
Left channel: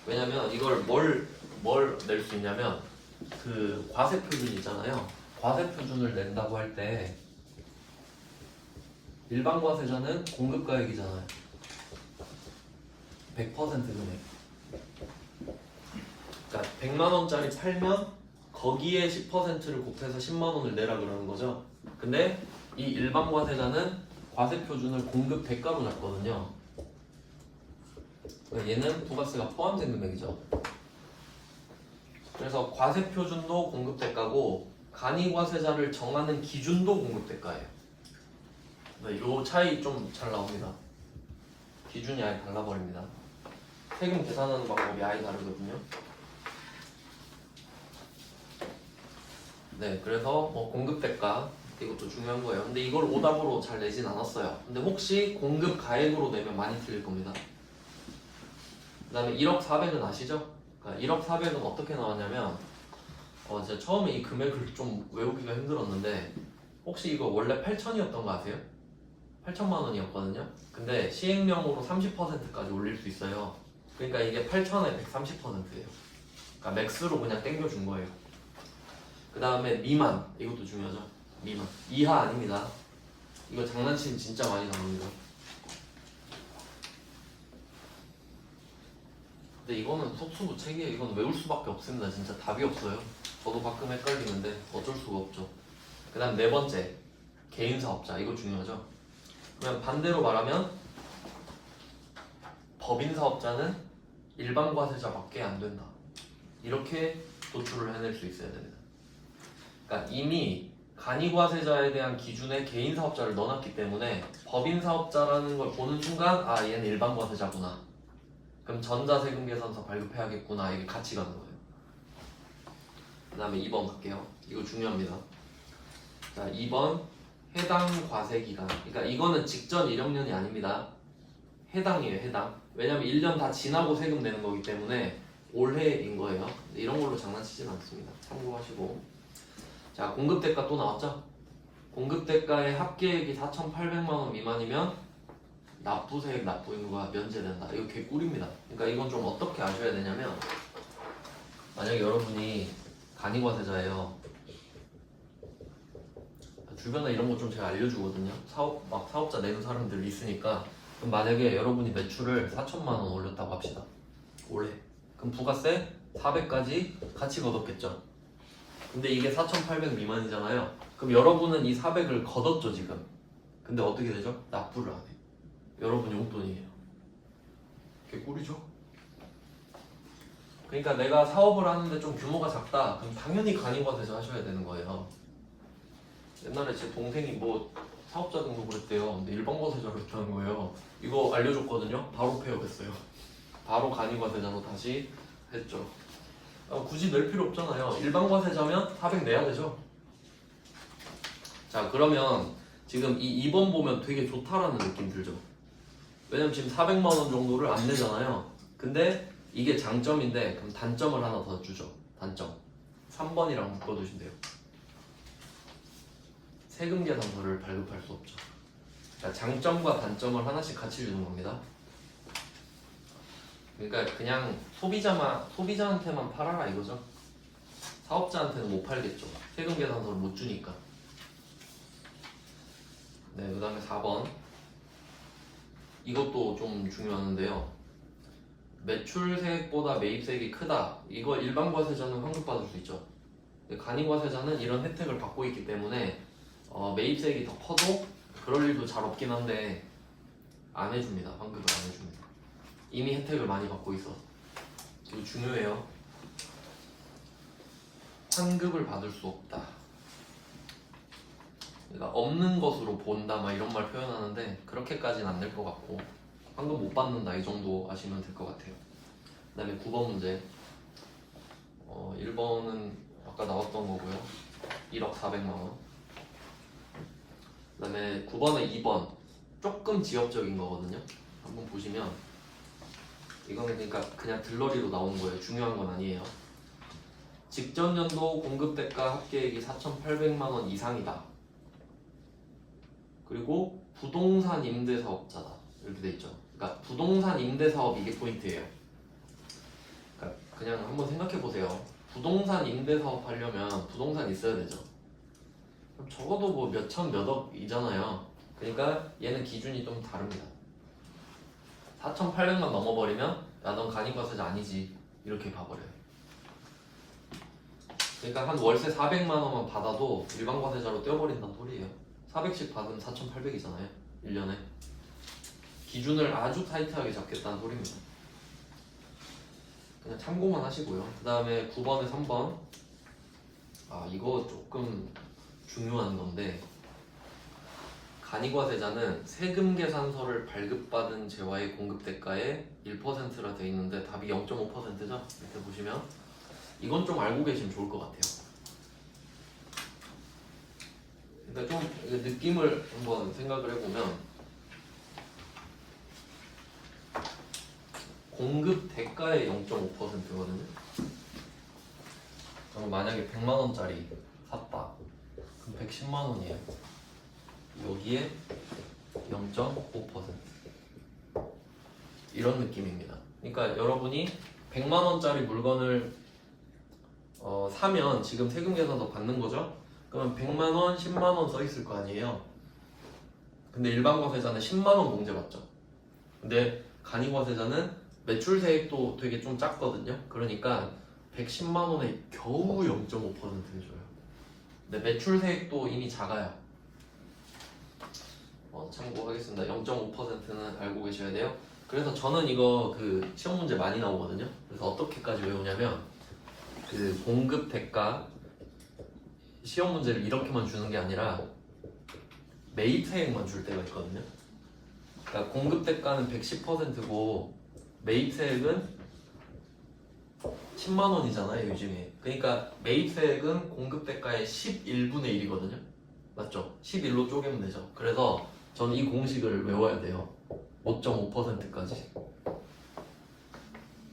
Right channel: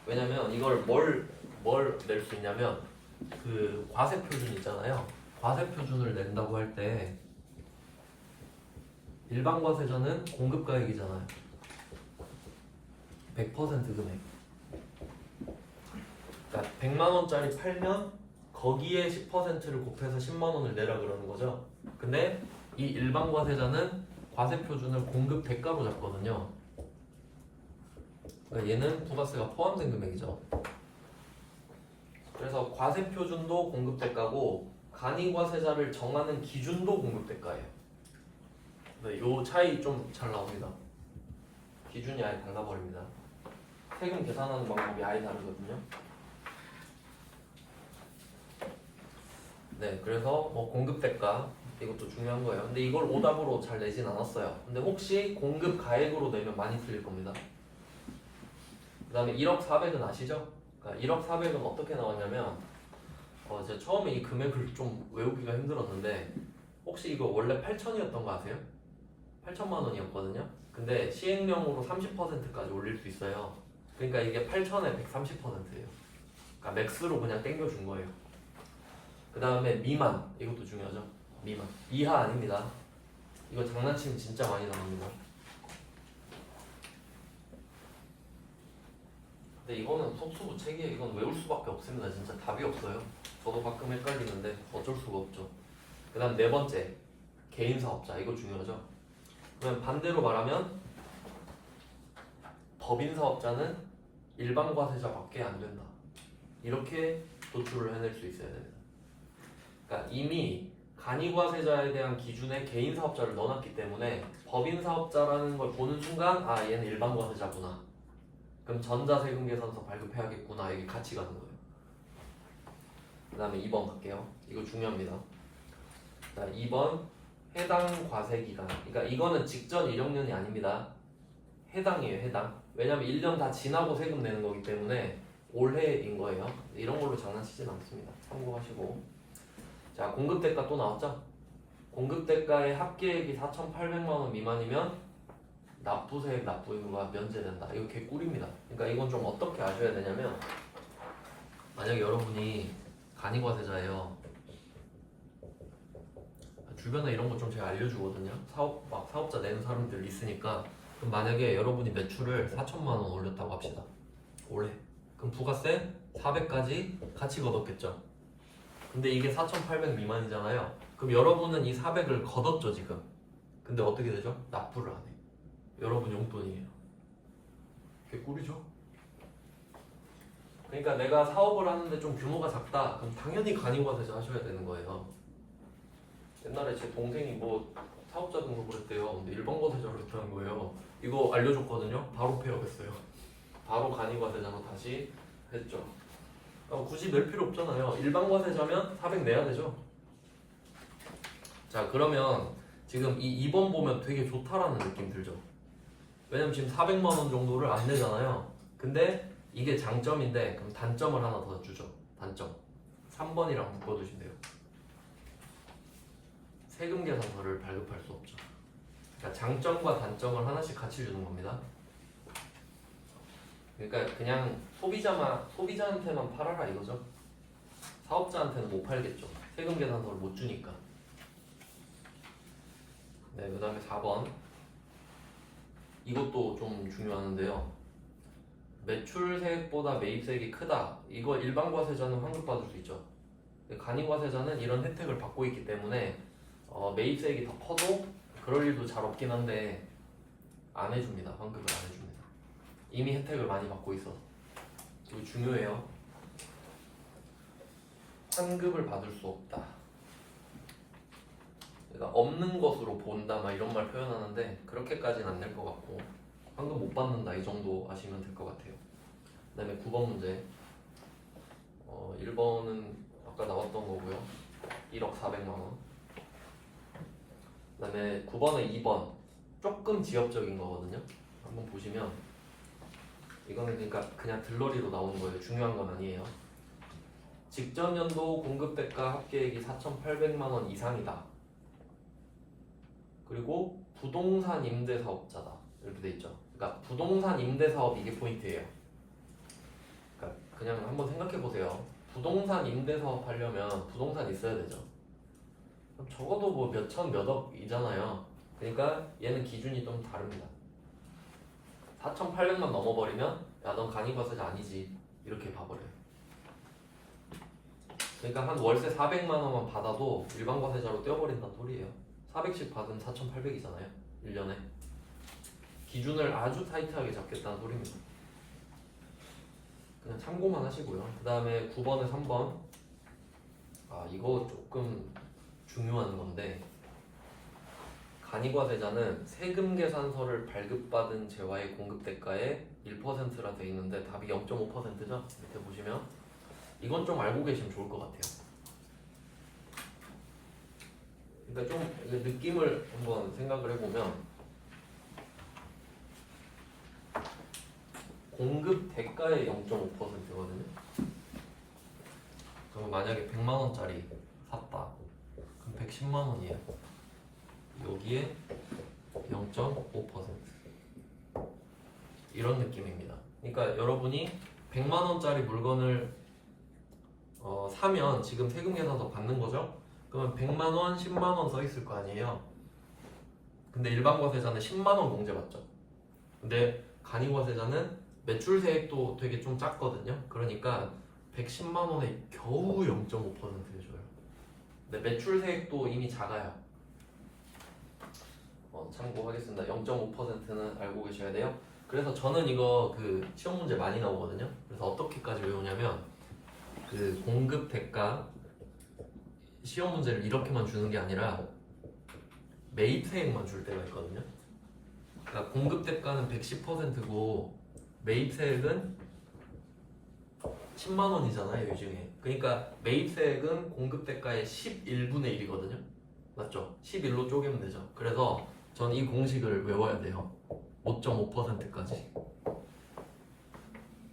왜냐면 이걸 뭘 낼 수 있냐면 그 과세 표준 있잖아요. 과세 표준을 낸다고 할 때 일반 과세자는 공급가액이잖아요. 100% 금액. 그러니까 100만 원짜리 팔면 거기에 10%를 곱해서 10만 원을 내라 그러는 거죠. 근데 이 일반 과세자는 과세 표준을 공급 대가로 잡거든요. 그러니까 얘는 부가세가 포함된 금액이죠. 그래서 과세 표준도 공급 대가고 간이과세자를 정하는 기준도 공급 대가예요. 네, 요 차이 좀 잘 나옵니다. 기준이 아예 달라버립니다. 세금 계산하는 방법이 아예 다르거든요. 네, 그래서 뭐 공급 대가 이것도 중요한 거예요. 근데 이걸 오답으로 잘 내진 않았어요. 근데 혹시 공급 가액으로 내면 많이 틀릴 겁니다. 그 다음에 1억 4백은 아시죠? 그러니까 1억 4백은 어떻게 나왔냐면 제가 처음에 이 금액을 좀 외우기가 힘들었는데 혹시 이거 원래 8천이었던 거 아세요? 8천만 원이었거든요. 근데 시행령으로 30%까지 올릴 수 있어요. 그러니까 이게 8천에 130%예요. 그러니까 맥스로 그냥 땡겨준 거예요. 그 다음에 미만, 이것도 중요하죠. 미만, 이하 아닙니다. 이거 장난치면 진짜 많이 나옵니다. 근데 이거는 속수무책이에요. 이건 외울 수밖에 없습니다. 진짜 답이 없어요. 저도 가끔 헷갈리는데 어쩔 수가 없죠. 그 다음 네 번째, 개인사업자. 이거 중요하죠. 그냥 반대로 말하면 법인사업자는 일반 과세자밖에 안 된다. 이렇게 도출을 해낼 수 있어야 됩니다. 그러니까 이미 간이과세자에 대한 기준에 개인사업자를 넣어놨기 때문에 법인사업자라는 걸 보는 순간 아 얘는 일반 과세자구나. 그럼 전자세금계산서 발급해야겠구나. 이게 같이 가는 거예요. 그 다음에 2번 갈게요. 이거 중요합니다. 자, 2번 해당 과세기간. 그러니까 이거는 직전 1학년이 아닙니다. 해당이에요. 해당. 왜냐면 1년 다 지나고 세금 내는 거기 때문에 올해인 거예요. 이런 걸로 장난치진 않습니다. 참고하시고. 자, 공급대가 또 나왔죠? 공급대가의 합계액이 4,800만 원 미만이면 납부세액 납부의무가 면제된다. 이거 개꿀입니다. 그러니까 이건 좀 어떻게 아셔야 되냐면 만약에 여러분이 간이과세자예요. 주변에 이런 거 좀 제가 알려주거든요. 사업자 내는 사람들 있으니까. 그럼 만약에 여러분이 매출을 4천만 원 올렸다고 합시다. 올해. 그럼 부가세 400까지 같이 걷었겠죠. 근데 이게 4,800 미만이잖아요. 그럼 여러분은 이 400을 걷었죠 지금. 근데 어떻게 되죠? 납부를 안 해. 여러분 용돈이에요. 그게 꿀이죠? 그러니까 내가 사업을 하는데 좀 규모가 작다. 그럼 당연히 간이과세자 하셔야 되는 거예요. 옛날에 제 동생이 뭐 사업자 등록 그랬대요. 근데 일반과세자 그랬다는 거예요. 이거 알려줬거든요. 바로 폐업했어요. 바로 간이과세자로 다시 했죠. 굳이 낼 필요 없잖아요. 일반과세자면 400 내야 되죠. 자, 그러면 지금 이 2번 보면 되게 좋다라는 느낌 들죠. 왜냐면 지금 400만 원 정도를 안 내잖아요. 근데 이게 장점인데 그럼 단점을 하나 더 주죠. 단점 3번이랑 묶어두시면 돼요. 세금 계산서를 발급할 수 없죠. 그러니까 장점과 단점을 하나씩 같이 주는 겁니다. 그러니까 그냥 소비자한테만 팔아라 이거죠. 사업자한테는 못 팔겠죠. 세금 계산서를 못 주니까. 네, 그 다음에 4번. 이것도 좀 중요한데요. 매출세액보다 매입세액이 크다. 이거 일반과세자는 환급받을 수 있죠. 간이과세자는 이런 혜택을 받고 있기 때문에 매입세액이 더 커도 그럴 일도 잘 없긴 한데 안 해줍니다. 환급을 안 해줍니다. 이미 혜택을 많이 받고 있어. 이거 중요해요. 환급을 받을 수 없다. 그러니까 없는 것으로 본다 막 이런 말 표현하는데 그렇게까지는 안 될 것 같고 환급 못 받는다 이 정도 아시면 될 것 같아요. 그 다음에 9번 문제. 1번은 아까 나왔던 거고요. 1억 400만 원. 그 다음에 9번은 2번. 조금 지엽적인 거거든요. 한번 보시면 이거는 그러니까 그냥 들러리로 나오는 거예요. 중요한 건 아니에요. 직전 연도 공급 대가 합계액이 4,800만 원 이상이다. 그리고 부동산 임대 사업자다. 이렇게 돼 있죠. 그러니까 부동산 임대 사업 이게 포인트예요. 그러니까 그냥 한번 생각해 보세요. 부동산 임대 사업 하려면 부동산 있어야 되죠. 그럼 적어도 뭐 몇천 몇억이잖아요. 그러니까 얘는 기준이 좀 다릅니다. 4,800만 넘어버리면 야 넌 간이과세자 아니지 이렇게 봐버려요. 그러니까 한 월세 400만 원만 받아도 일반과세자로 떼어버린다는 소리예요. 400씩 받으면 4,800이잖아요 1년에. 기준을 아주 타이트하게 잡겠다는 소리입니다. 그냥 참고만 하시고요. 그 다음에 9번에 3번. 이거 조금 중요한 건데 간이과세자는 세금 계산서를 발급받은 재화의 공급 대가의 1%라 되어 있는데 답이 0.5%죠? 이렇게 보시면 이건 좀 알고 계시면 좋을 것 같아요. 그러니까 좀 느낌을 한번 생각을 해보면 공급 대가의 0.5%거든요. 그럼 만약에 100만 원짜리 샀다. 그럼 110만 원이에요. 여기에 0.5% 이런 느낌입니다. 그러니까 여러분이 100만 원짜리 물건을 사면 지금 세금 계산서 받는 거죠. 그러면 100만 원, 10만 원 써 있을 거 아니에요. 근데 일반과세자는 10만 원 공제받죠. 근데 간이과세자는 매출세액도 되게 좀 작거든요. 그러니까 110만 원에 겨우 0.5%를 줘요. 근데 매출세액도 이미 작아요. 참고하겠습니다. 0.5%는 알고 계셔야 돼요. 그래서 저는 이거 그 시험 문제 많이 나오거든요. 그래서 어떻게까지 외우냐면 그 공급 대가 시험 문제를 이렇게만 주는 게 아니라 매입세액만 줄 때가 있거든요. 그러니까 공급 대가는 110%고 매입세액은 10만 원이잖아요 요즘에. 그러니까 매입세액은 공급 대가의 11분의 1이거든요. 맞죠? 11로 쪼개면 되죠. 그래서 저는 이 공식을 외워야 돼요. 5.5%까지.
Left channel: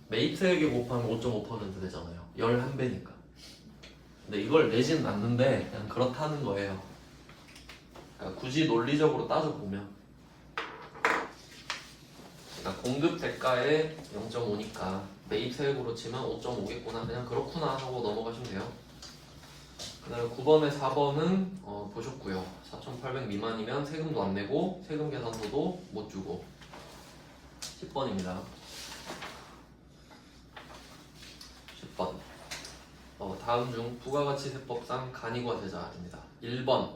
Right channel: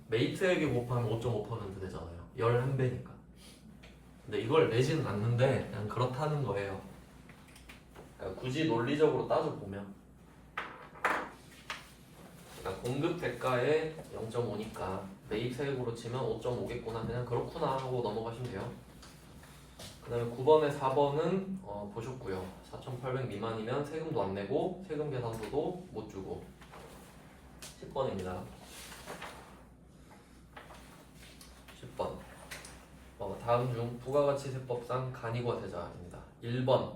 매입세액에 곱하면 5.5% 되잖아요. 11배니까. 근데 이걸 내지는 않는데 그냥 그렇다는 거예요. 그러니까 굳이 논리적으로 따져보면 그러니까 공급 대가에 0.5니까 매입세액으로 치면 5.5겠구나. 그냥 그렇구나 하고 넘어가시면 돼요. 그 다음에 9번에 4번은 보셨고요. 4,800 미만이면 세금도 안 내고 세금 계산서도 못 주고. 10번입니다. 10번. 다음 중 부가가치세법상 간이과세자입니다. 1번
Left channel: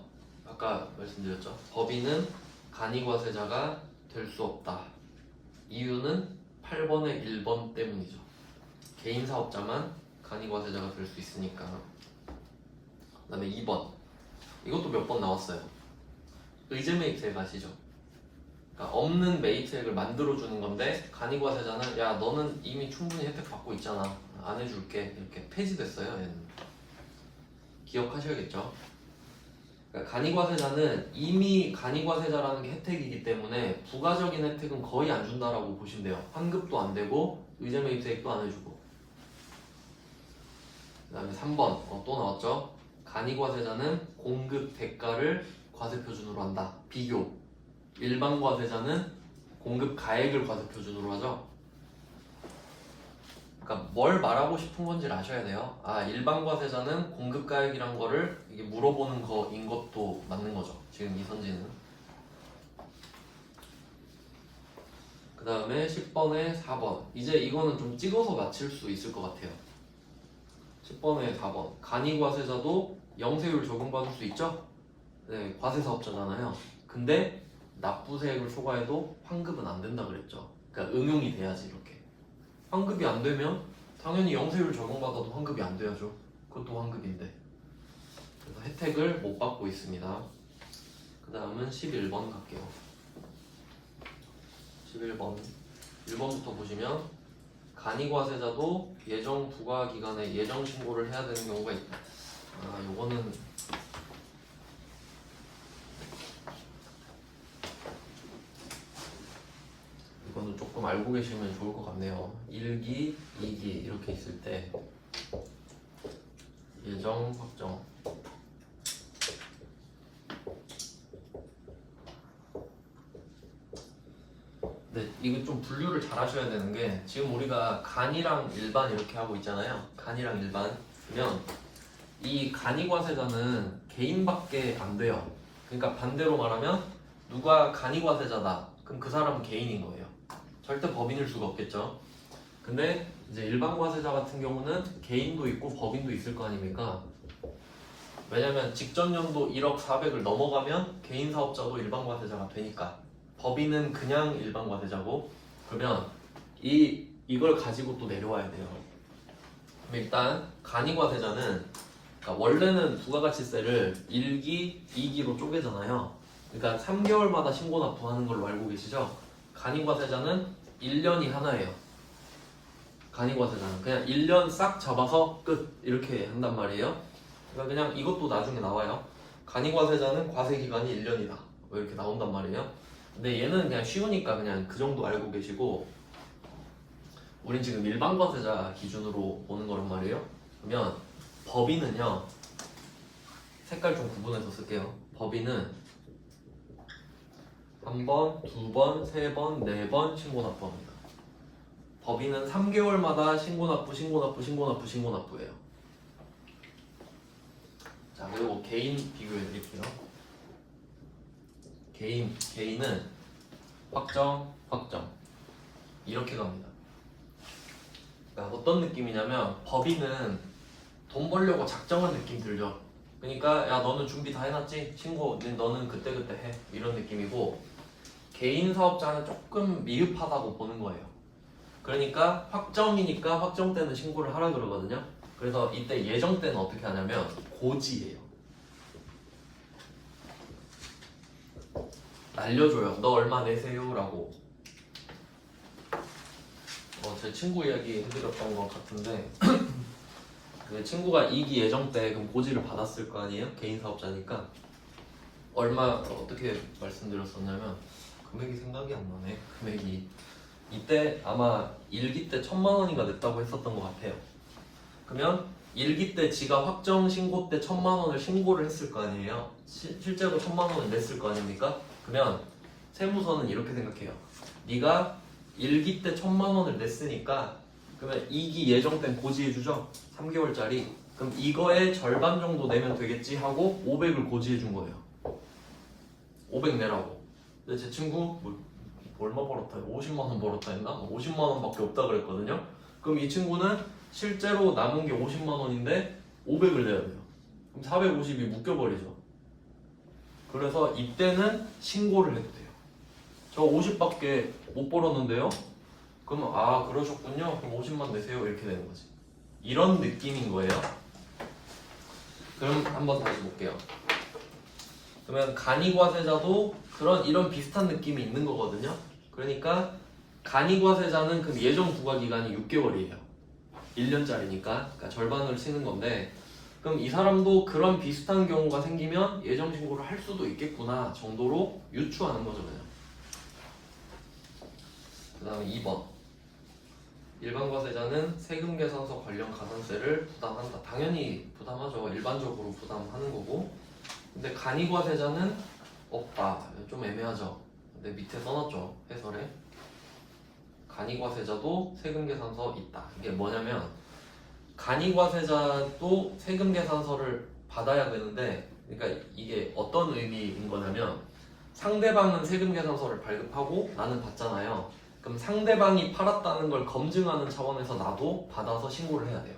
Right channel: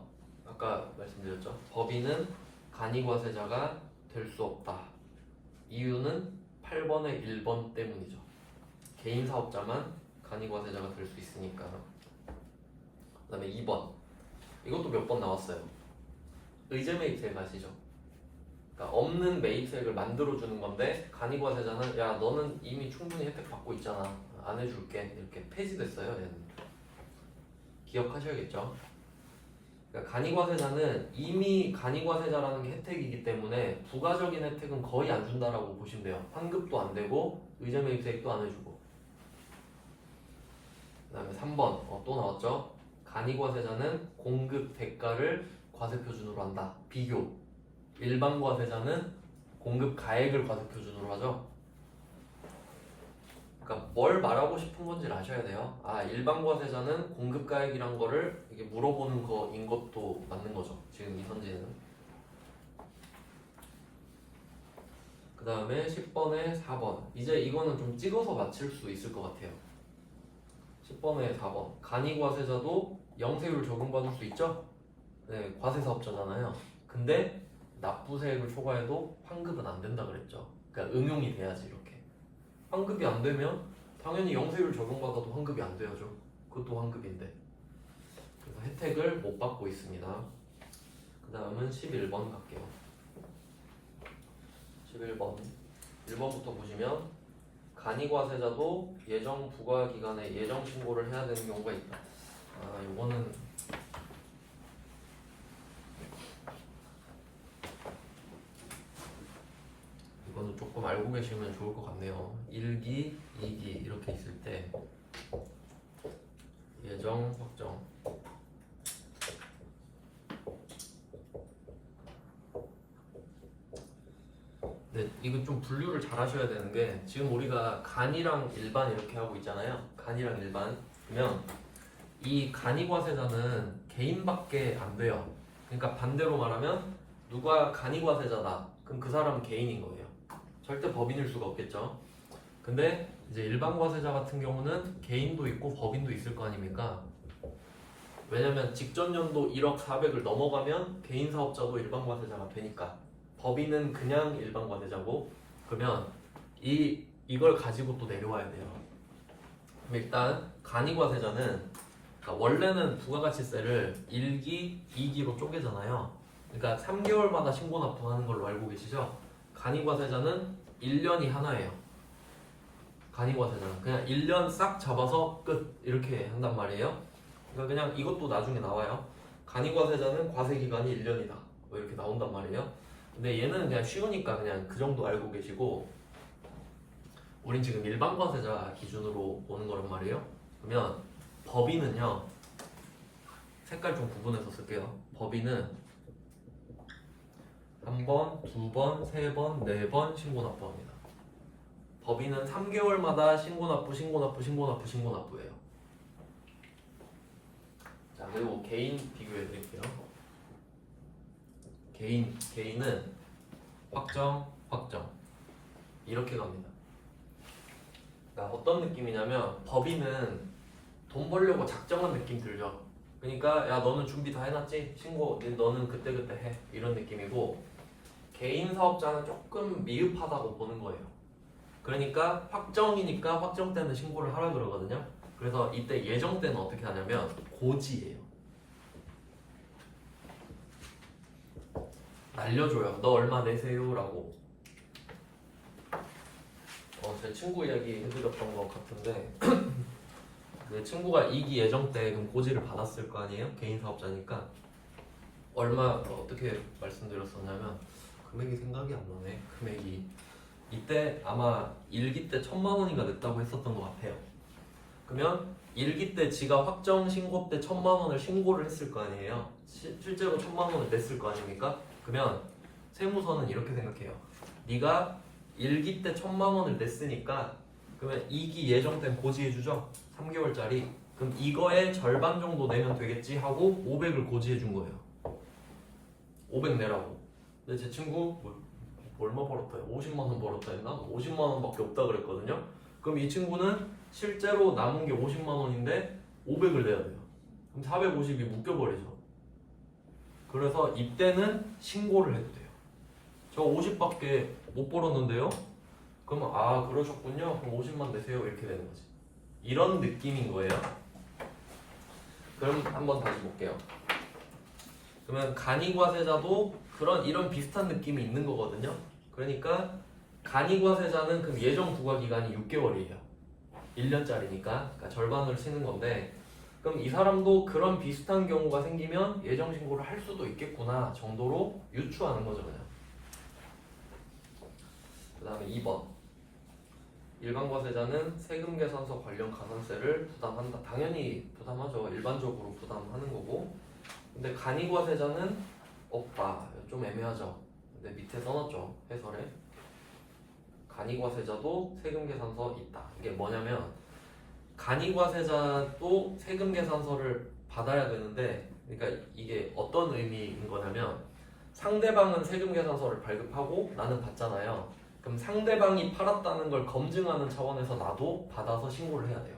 아까 말씀드렸죠. 법인은 간이과세자가 될 수 없다. 이유는 8번의 1번 때문이죠. 개인 사업자만 간이과세자가 될 수 있으니까. 그 다음에 2번. 이것도 몇 번 나왔어요. 의제 매입세액 아시죠? 그러니까 없는 매입세액을 만들어주는 건데 간이과세자는 야 너는 이미 충분히 혜택 받고 있잖아. 안 해줄게. 이렇게 폐지됐어요. 얘는. 기억하셔야겠죠? 그러니까 간이과세자는 이미 간이과세자라는 게 혜택이기 때문에 부가적인 혜택은 거의 안 준다라고 보시면 돼요. 환급도 안 되고 의제 매입세액도 안 해주고. 그 다음에 3번 또 나왔죠? 간이과세자는 공급 대가를 과세표준으로 한다. 비교. 일반 과세자는 공급 가액을 과세표준으로 하죠. 그러니까 뭘 말하고 싶은 건지를 아셔야 돼요. 아, 일반 과세자는 공급 가액이란 거를 이게 물어보는 거인 것도 맞는 거죠. 지금 이선지는. 그 다음에 10번에 4번. 이제 이거는 좀 찍어서 맞힐 수 있을 것 같아요. 10번에 4번. 간이과세자도 영세율 적용받을 수 있죠? 네, 과세사업자잖아요. 근데 납부세액을 초과해도 환급은 안 된다 그랬죠. 그러니까 응용이 돼야지 이렇게. 환급이 안 되면 당연히 영세율 적용받아도 환급이 안 돼야죠. 그것도 환급인데. 그래서 혜택을 못 받고 있습니다. 그 다음은 11번 갈게요. 11번. 1번부터 보시면 간이과세자도 예정 부과 기간에 예정 신고를 해야 되는 경우가 있다. 아, 요거는 이거는 조금 알고 계시면 좋을 것 같네요. 1기, 2기 이렇게 있을 때 예정 확정. 네, 이거 좀 분류를 잘 하셔야 되는 게 지금 우리가 간이랑 일반 이렇게 하고 있잖아요. 간이랑 일반. 그러면 이 간이과세자는 개인밖에 안 돼요. 그러니까 반대로 말하면 누가 간이과세자다. 그럼 그 사람은 개인인 거예요. 절대 법인일 수가 없겠죠. 근데 이제 일반 과세자 같은 경우는 개인도 있고 법인도 있을 거 아닙니까? 왜냐면 직전 연도 1억 400을 넘어가면 개인 사업자도 일반 과세자가 되니까. 법인은 그냥 일반 과세자고. 그러면 이걸 가지고 또 내려와야 돼요. 그럼 일단 간이 과세자는 그러니까 원래는 부가가치세를 1기, 2기로 쪼개잖아요. 그러니까 3개월마다 신고 납부하는 걸로 알고 계시죠? 간이과세자는 1년이 하나예요. 간이과세자는 그냥 1년 싹 잡아서 끝 이렇게 한단 말이에요. 그러니까 그냥 이것도 나중에 나와요. 간이과세자는 과세기간이 1년이다 이렇게 나온단 말이에요. 근데 얘는 그냥 쉬우니까 그냥 그 정도 알고 계시고, 우린 지금 일반과세자 기준으로 보는 거란 말이에요. 그러면 법인은요, 색깔 좀 구분해서 쓸게요. 법인은 한 번, 두 번, 세 번, 네 번 신고 납부합니다. 법인은 3개월마다 신고 납부, 신고 납부, 신고 납부, 신고 납부예요. 자, 그리고 개인 비교해 드릴게요. 개인은 확정, 확정 이렇게 갑니다. 그러니까 어떤 느낌이냐면 법인은 돈 벌려고 작정한 느낌 들죠. 그러니까 야 너는 준비 다 해놨지? 신고 너는 그때그때 해 이런 느낌이고, 개인 사업자는 조금 미흡하다고 보는 거예요. 그러니까 확정이니까 확정 때는 신고를 하라 그러거든요. 그래서 이때 예정 때는 어떻게 하냐면 고지예요. 날려줘요. 너 얼마 내세요? 라고. 제 친구 이야기 해드렸던 것 같은데 그 친구가 2기 예정 때 그럼 고지를 받았을 거 아니에요? 개인 사업자니까. 얼마 어떻게 말씀드렸었냐면 금액이 생각이 안 나네. 금액이 이때 아마 1기 때 1,000만 원인가 냈다고 했었던 것 같아요. 그러면 1기 때 지가 확정 신고 때 1,000만 원을 신고를 했을 거 아니에요. 실제로 1,000만 원을 냈을 거 아닙니까? 그러면 세무서는 이렇게 생각해요. 네가 1기 때 1,000만 원을 냈으니까 그러면 2기 예정된 고지해주죠. 3개월짜리. 그럼 이거의 절반 정도 내면 되겠지 하고 500을 고지해준 거예요. 500 내라고. 근데 제 친구 얼마 벌었다? 50만 원 벌었다 했나? 50만 원밖에 없다 그랬거든요. 그럼 이 친구는 실제로 남은 게 50만 원인데 500을 내야 돼요. 그럼 450이 묶여버리죠. 그래서 이때는 신고를 해도 돼요. 저 50밖에 못 벌었는데요? 그러면 아 그러셨군요. 그럼 50만 내세요. 이렇게 되는 거지. 이런 느낌인 거예요. 그럼 한번 다시 볼게요. 그러면 간이과세자도 이런 비슷한 느낌이 있는 거거든요. 그러니까 간이과세자는 그럼 예정 부과 기간이 6개월이에요. 1년짜리니까 그러니까 절반으로 치는 건데 그럼 이 사람도 그런 비슷한 경우가 생기면 예정 신고를 할 수도 있겠구나 정도로 유추하는 거죠 그냥. 그 다음에 2번 일반과세자는 세금계산서 관련 가산세를 부담한다. 당연히 부담하죠. 일반적으로 부담하는 거고. 근데 간이과세자는 없다. 좀 애매하죠. 근데 밑에 써놨죠. 해설에. 간이과세자도 세금계산서 있다. 이게 뭐냐면 간이과세자도 세금계산서를 받아야 되는데 그러니까 이게 어떤 의미인 거냐면 상대방은 세금계산서를 발급하고 나는 받잖아요. 그럼 상대방이 팔았다는 걸 검증하는 차원에서 나도 받아서 신고를 해야 돼요.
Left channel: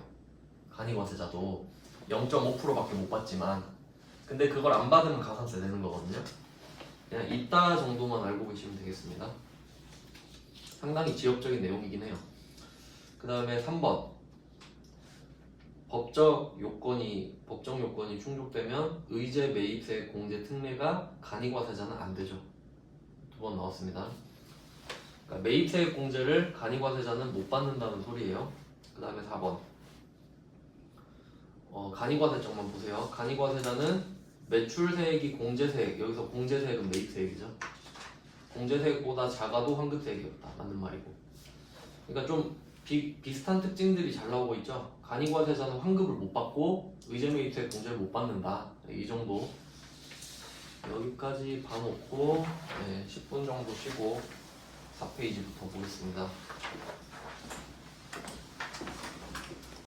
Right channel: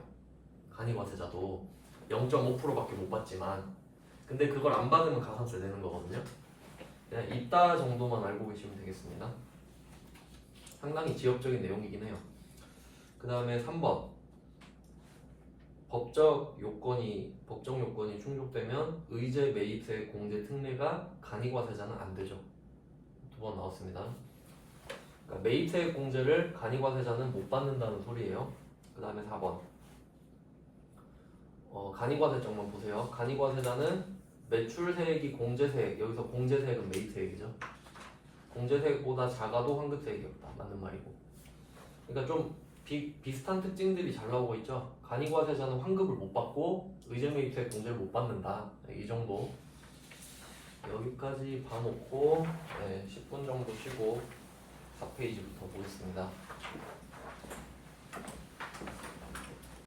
간이과세자도 0.5%밖에 못 받지만 근데 그걸 안 받으면 가산세 내는 거거든요. 그냥 있다 정도만 알고 계시면 되겠습니다. 상당히 지역적인 내용이긴 해요. 그 다음에 3번 법적 요건이 충족되면 의제 매입세 공제 특례가 간이과세자는 안 되죠. 2번 나왔습니다. 그러니까 매입세 공제를 간이과세자는 못 받는다는 소리예요. 그 다음에 4번 간이과세점만 보세요. 간이과세자는 매출세액이 공제세액, 여기서 공제세액은 매입세액이죠. 공제세액보다 작아도 환급세액이었다. 맞는 말이고. 그러니까 좀 비슷한 특징들이 잘 나오고 있죠. 간이과세자는 환급을 못 받고 의제매입세액 공제를 못 받는다. 이 정도. 여기까지 봐놓고 10분 정도 쉬고 4페이지부터 보겠습니다.